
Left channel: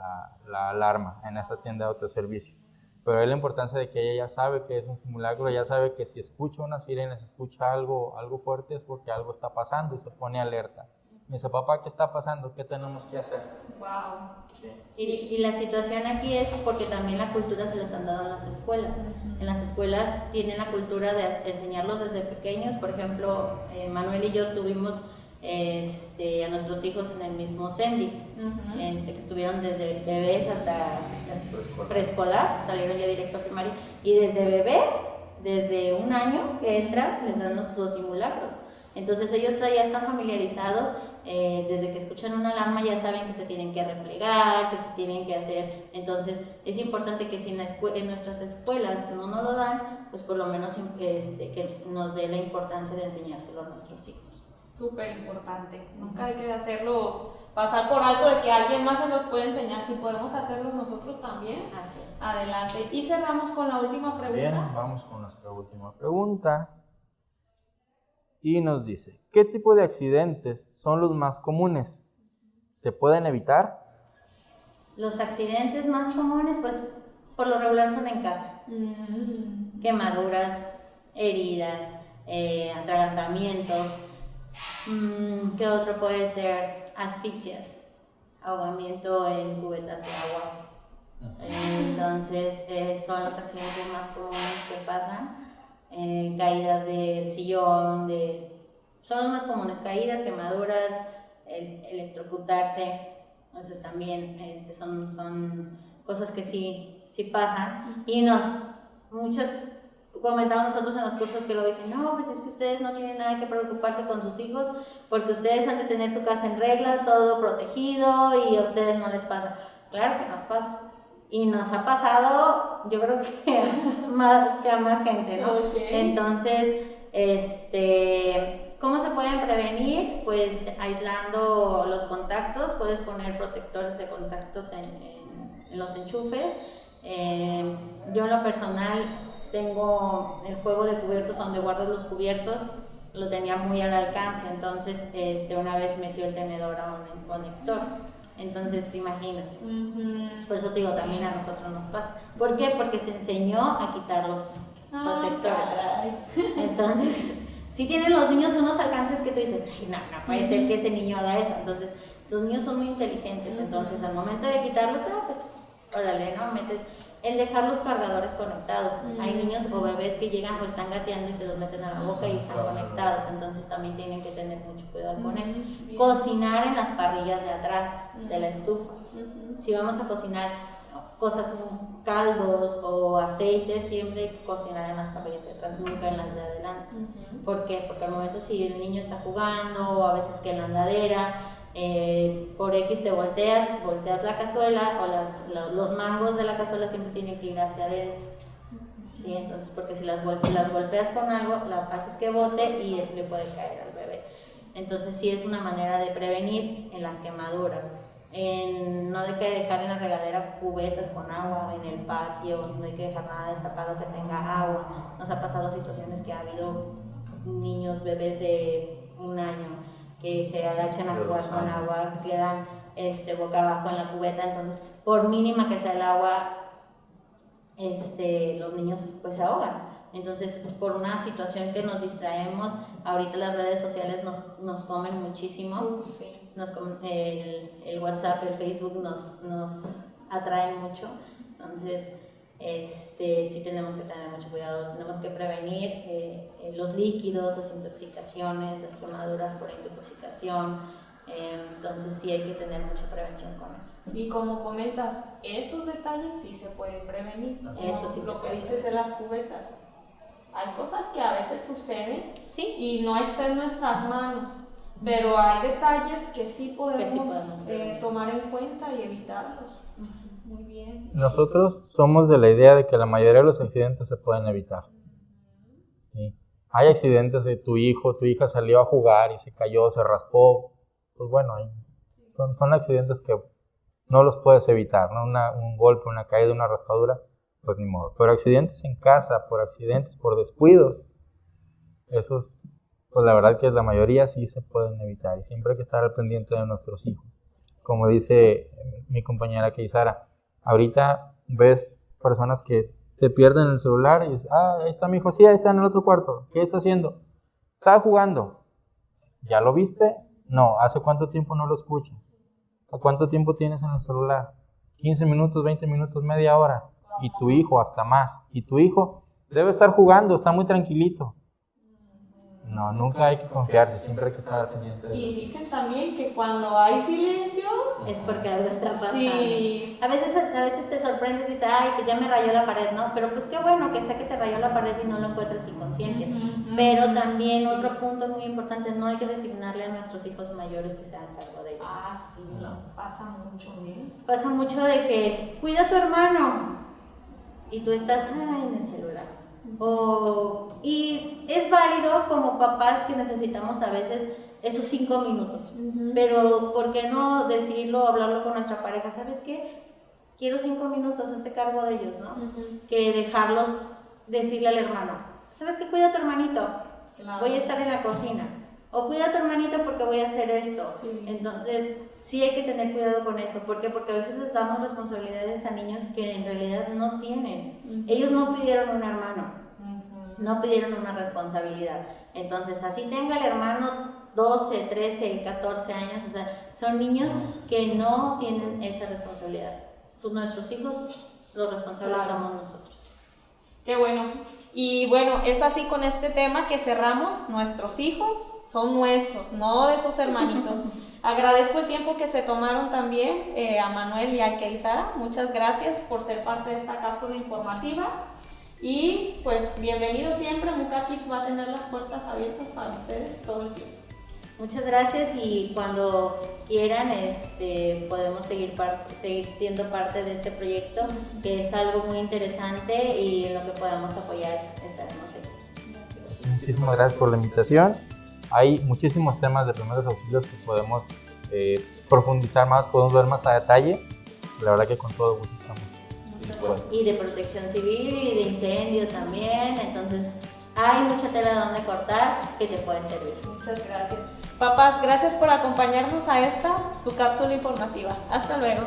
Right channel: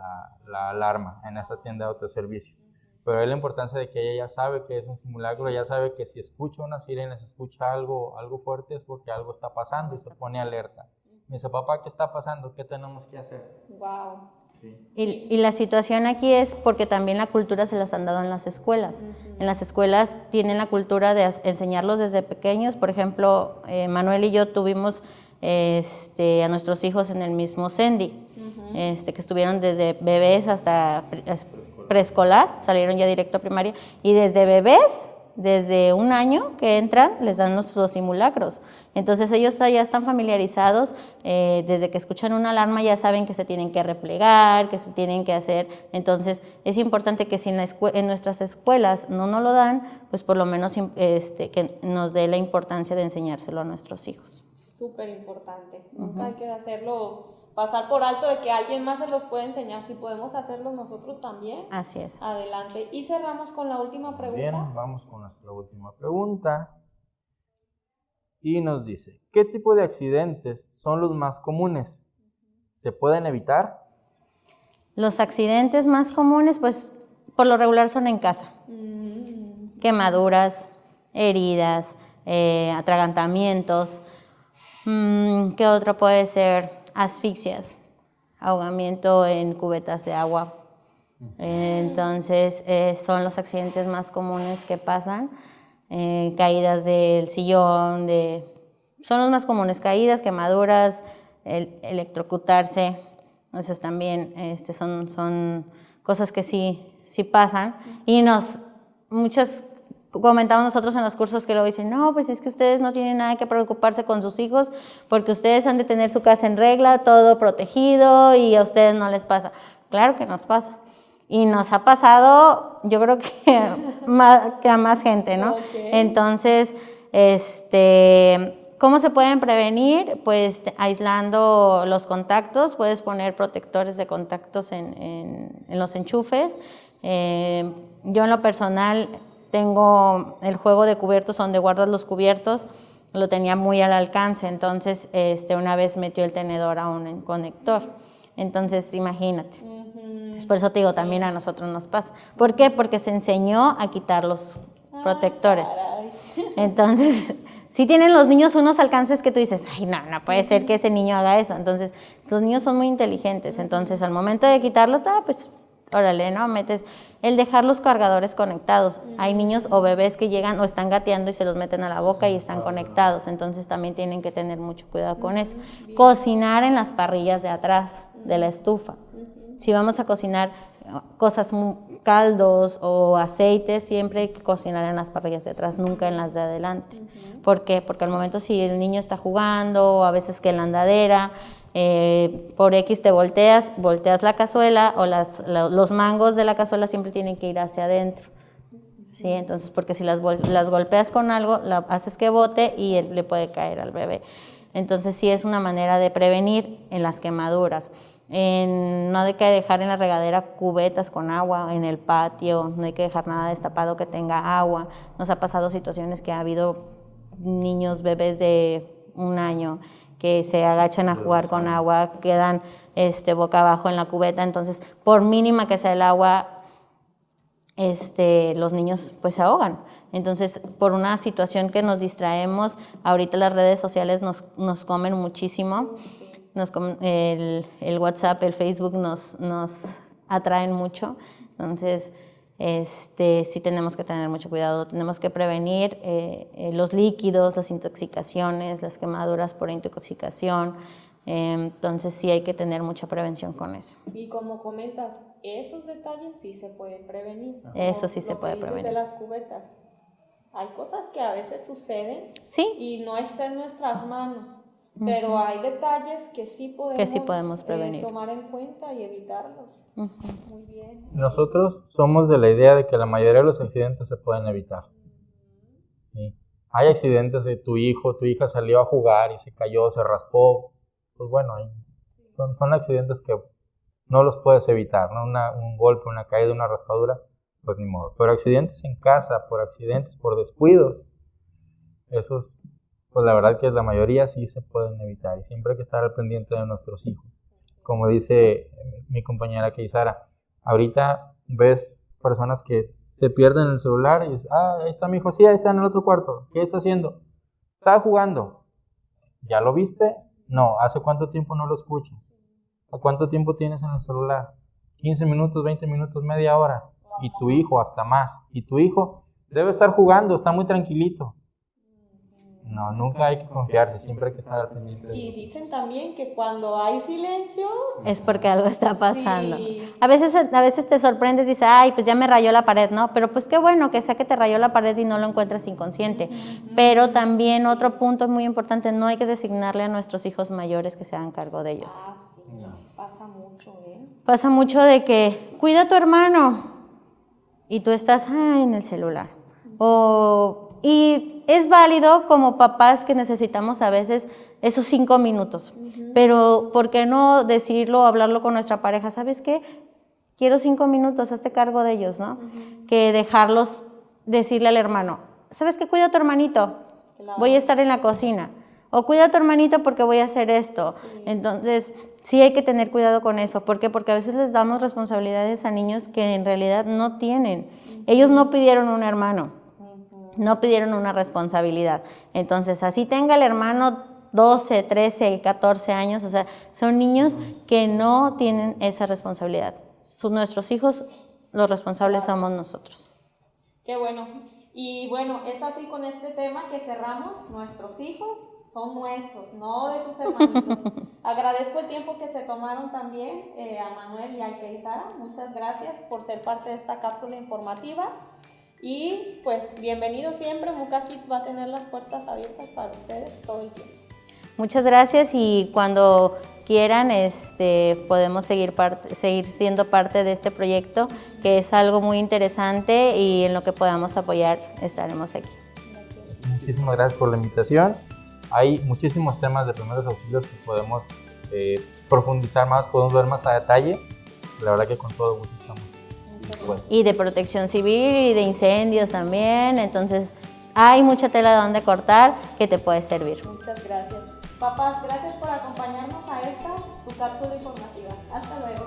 alarma en esa tienda de autoservicio. Pero es la importancia de que ella ya sabe que es un simulacro, ya sabe que si escucha una sirena, si escucha algo fuerte es porque algo está pasando y se pone alerta. Me dice, papá, ¿qué está pasando? ¿Qué tenemos que hacer? Wow. Sí. Y la situación aquí es porque también la cultura se las han dado en las escuelas. En las escuelas tienen la cultura de enseñarlos desde pequeños. Por ejemplo, Manuel y yo tuvimos a nuestros hijos en el mismo CENDI, que estuvieron desde bebés hasta preescolar, salieron ya directo a primaria, y desde bebés, desde 1 año que entran, les dan los simulacros. Entonces ellos ya están familiarizados, desde que escuchan una alarma ya saben que se tienen que replegar, que se tienen que hacer. Entonces es importante que si en nuestras escuelas no nos lo dan, pues por lo menos que nos dé la importancia de enseñárselo a nuestros hijos. Súper importante, nunca hay que pasar por alto de que alguien más se los puede enseñar, si podemos hacerlo nosotros también. Así es. Adelante. Y cerramos con la última pregunta. Bien, vamos con nuestra última pregunta. Y nos dice, ¿qué tipo de accidentes son los más comunes? ¿Se pueden evitar? Los accidentes más comunes, pues, por lo regular son en casa. Quemaduras, heridas, atragantamientos. ¿Qué otro puede ser? Asfixias, ahogamiento en cubetas de agua. Entonces, son los accidentes más comunes que pasan. Caídas del sillón, son los más comunes, caídas, quemaduras, electrocutarse, esas también son cosas que sí pasan y muchas comentamos nosotros en los cursos que lo dicen, no, pues es que ustedes no tienen nada que preocuparse con sus hijos porque ustedes han de tener su casa en regla, todo protegido y a ustedes no les pasa. Claro que nos pasa. Y nos ha pasado, yo creo que a más gente, ¿no? Okay. Entonces, ¿cómo se pueden prevenir? Pues aislando los contactos, puedes poner protectores de contactos en los enchufes. Yo en lo personal tengo el juego de cubiertos donde guardas los cubiertos lo tenía muy al alcance, entonces una vez metió el tenedor a un conector. Entonces, imagínate. Pues por eso te digo, también a nosotros nos pasa. ¿Por qué? Porque se enseñó a quitar los protectores. Entonces, sí tienen los niños unos alcances que tú dices, ay, no puede ser que ese niño haga eso. Entonces, los niños son muy inteligentes. Entonces, al momento de quitarlos, pues, órale, ¿no? Metes el dejar los cargadores conectados. Hay niños o bebés que llegan o están gateando y se los meten a la boca y están conectados. Entonces, también tienen que tener mucho cuidado con eso. Cocinar en las parrillas de atrás de la estufa. Si vamos a cocinar cosas, caldos o aceites, siempre hay que cocinar en las parrillas de atrás, nunca en las de adelante. ¿Por qué? Porque al momento si el niño está jugando o a veces que en la andadera, por X te volteas la cazuela o los mangos de la cazuela siempre tienen que ir hacia adentro. ¿Sí? Entonces, porque si las golpeas con algo, haces que bote y le puede caer al bebé. Entonces, sí es una manera de prevenir en las quemaduras. No hay que dejar en la regadera cubetas con agua en el patio, no hay que dejar nada destapado que tenga agua. Nos ha pasado situaciones que ha habido niños, bebés de 1 año que se agachan a jugar con agua, quedan boca abajo en la cubeta, entonces por mínima que sea el agua, los niños pues se ahogan. Entonces, por una situación que nos distraemos, ahorita las redes sociales nos comen muchísimo. El WhatsApp, el Facebook nos atraen mucho. Entonces, sí tenemos que tener mucho cuidado, tenemos que prevenir los líquidos, las intoxicaciones, las quemaduras por intoxicación. Entonces, sí hay que tener mucha prevención con eso. Y como comentas, esos detalles sí se pueden prevenir. Eso sí se puede prevenir. De las cubetas. Hay cosas que a veces suceden, ¿sí? Y no está en nuestras manos. Pero hay detalles que sí podemos prevenir. Tomar en cuenta y evitarlos. Muy bien. Nosotros somos de la idea de que la mayoría de los accidentes se pueden evitar. ¿Sí? Hay accidentes de tu hija salió a jugar y se cayó, se raspó. Pues bueno, son accidentes que no los puedes evitar, ¿no? Un golpe, una caída, una raspadura, pues ni modo. Pero accidentes en casa, por descuidos, esos, pues la verdad que la mayoría sí se pueden evitar y siempre hay que estar al pendiente de nuestros hijos. Como dice mi compañera Keisara, ahorita ves personas que se pierden el celular y dices, ahí está mi hijo, sí, ahí está en el otro cuarto, ¿qué está haciendo? Estaba jugando. ¿Ya lo viste? No, ¿hace cuánto tiempo no lo escuchas? ¿A cuánto tiempo tienes en el celular? 15 minutos, 20 minutos, media hora. Y tu hijo hasta más. Y tu hijo debe estar jugando, está muy tranquilito. No, nunca hay que confiarse, siempre hay que estar al pendiente de eso. Y dicen también que cuando hay silencio es porque algo está pasando. Sí. A veces te sorprendes y dices, ay, pues ya me rayó la pared, ¿no? Pero pues qué bueno que sea que te rayó la pared y no lo encuentras inconsciente. Pero también otro punto muy importante, no hay que designarle a nuestros hijos mayores que se hagan cargo de ellos. Sí, pasa mucho, ¿eh? Pasa mucho de que, cuida a tu hermano y tú estás en el celular. Y es válido como papás que necesitamos a veces esos 5 minutos, pero ¿por qué no decirlo, hablarlo con nuestra pareja? ¿Sabes qué? Quiero 5 minutos, hazte cargo de ellos, ¿no? Que dejarlos, decirle al hermano, ¿sabes qué? Cuida a tu hermanito, voy a estar en la cocina, o cuida a tu hermanito porque voy a hacer esto. Entonces, sí hay que tener cuidado con eso. ¿Por qué? Porque a veces les damos responsabilidades a niños que en realidad no tienen. Ellos no pidieron un hermano. No pidieron una responsabilidad. Entonces, así tenga el hermano 12, 13, 14 años, o sea, son niños que no tienen esa responsabilidad. Nuestros hijos, los responsables somos nosotros. Qué bueno. Y bueno, es así con este tema que cerramos. Nuestros hijos son nuestros, no de sus hermanitos. Agradezco el tiempo que se tomaron también a Manuel y a Keisara. Muchas gracias por ser parte de esta cápsula informativa. Y pues bienvenido siempre, Muka Kids va a tener las puertas abiertas para ustedes todo el tiempo. Muchas gracias y cuando quieran podemos seguir siendo parte de este proyecto, que es algo muy interesante y en lo que podamos apoyar estaremos aquí. Muchísimas gracias por la invitación. Hay muchísimos temas de primeros auxilios que podemos profundizar más, podemos ver más a detalle. La verdad que con todo gusto estamos. Y de protección civil y de incendios también, entonces hay mucha tela de donde cortar que te puede servir. Muchas gracias. Papás, gracias por acompañarnos a esta, su cápsula informativa. Hasta luego.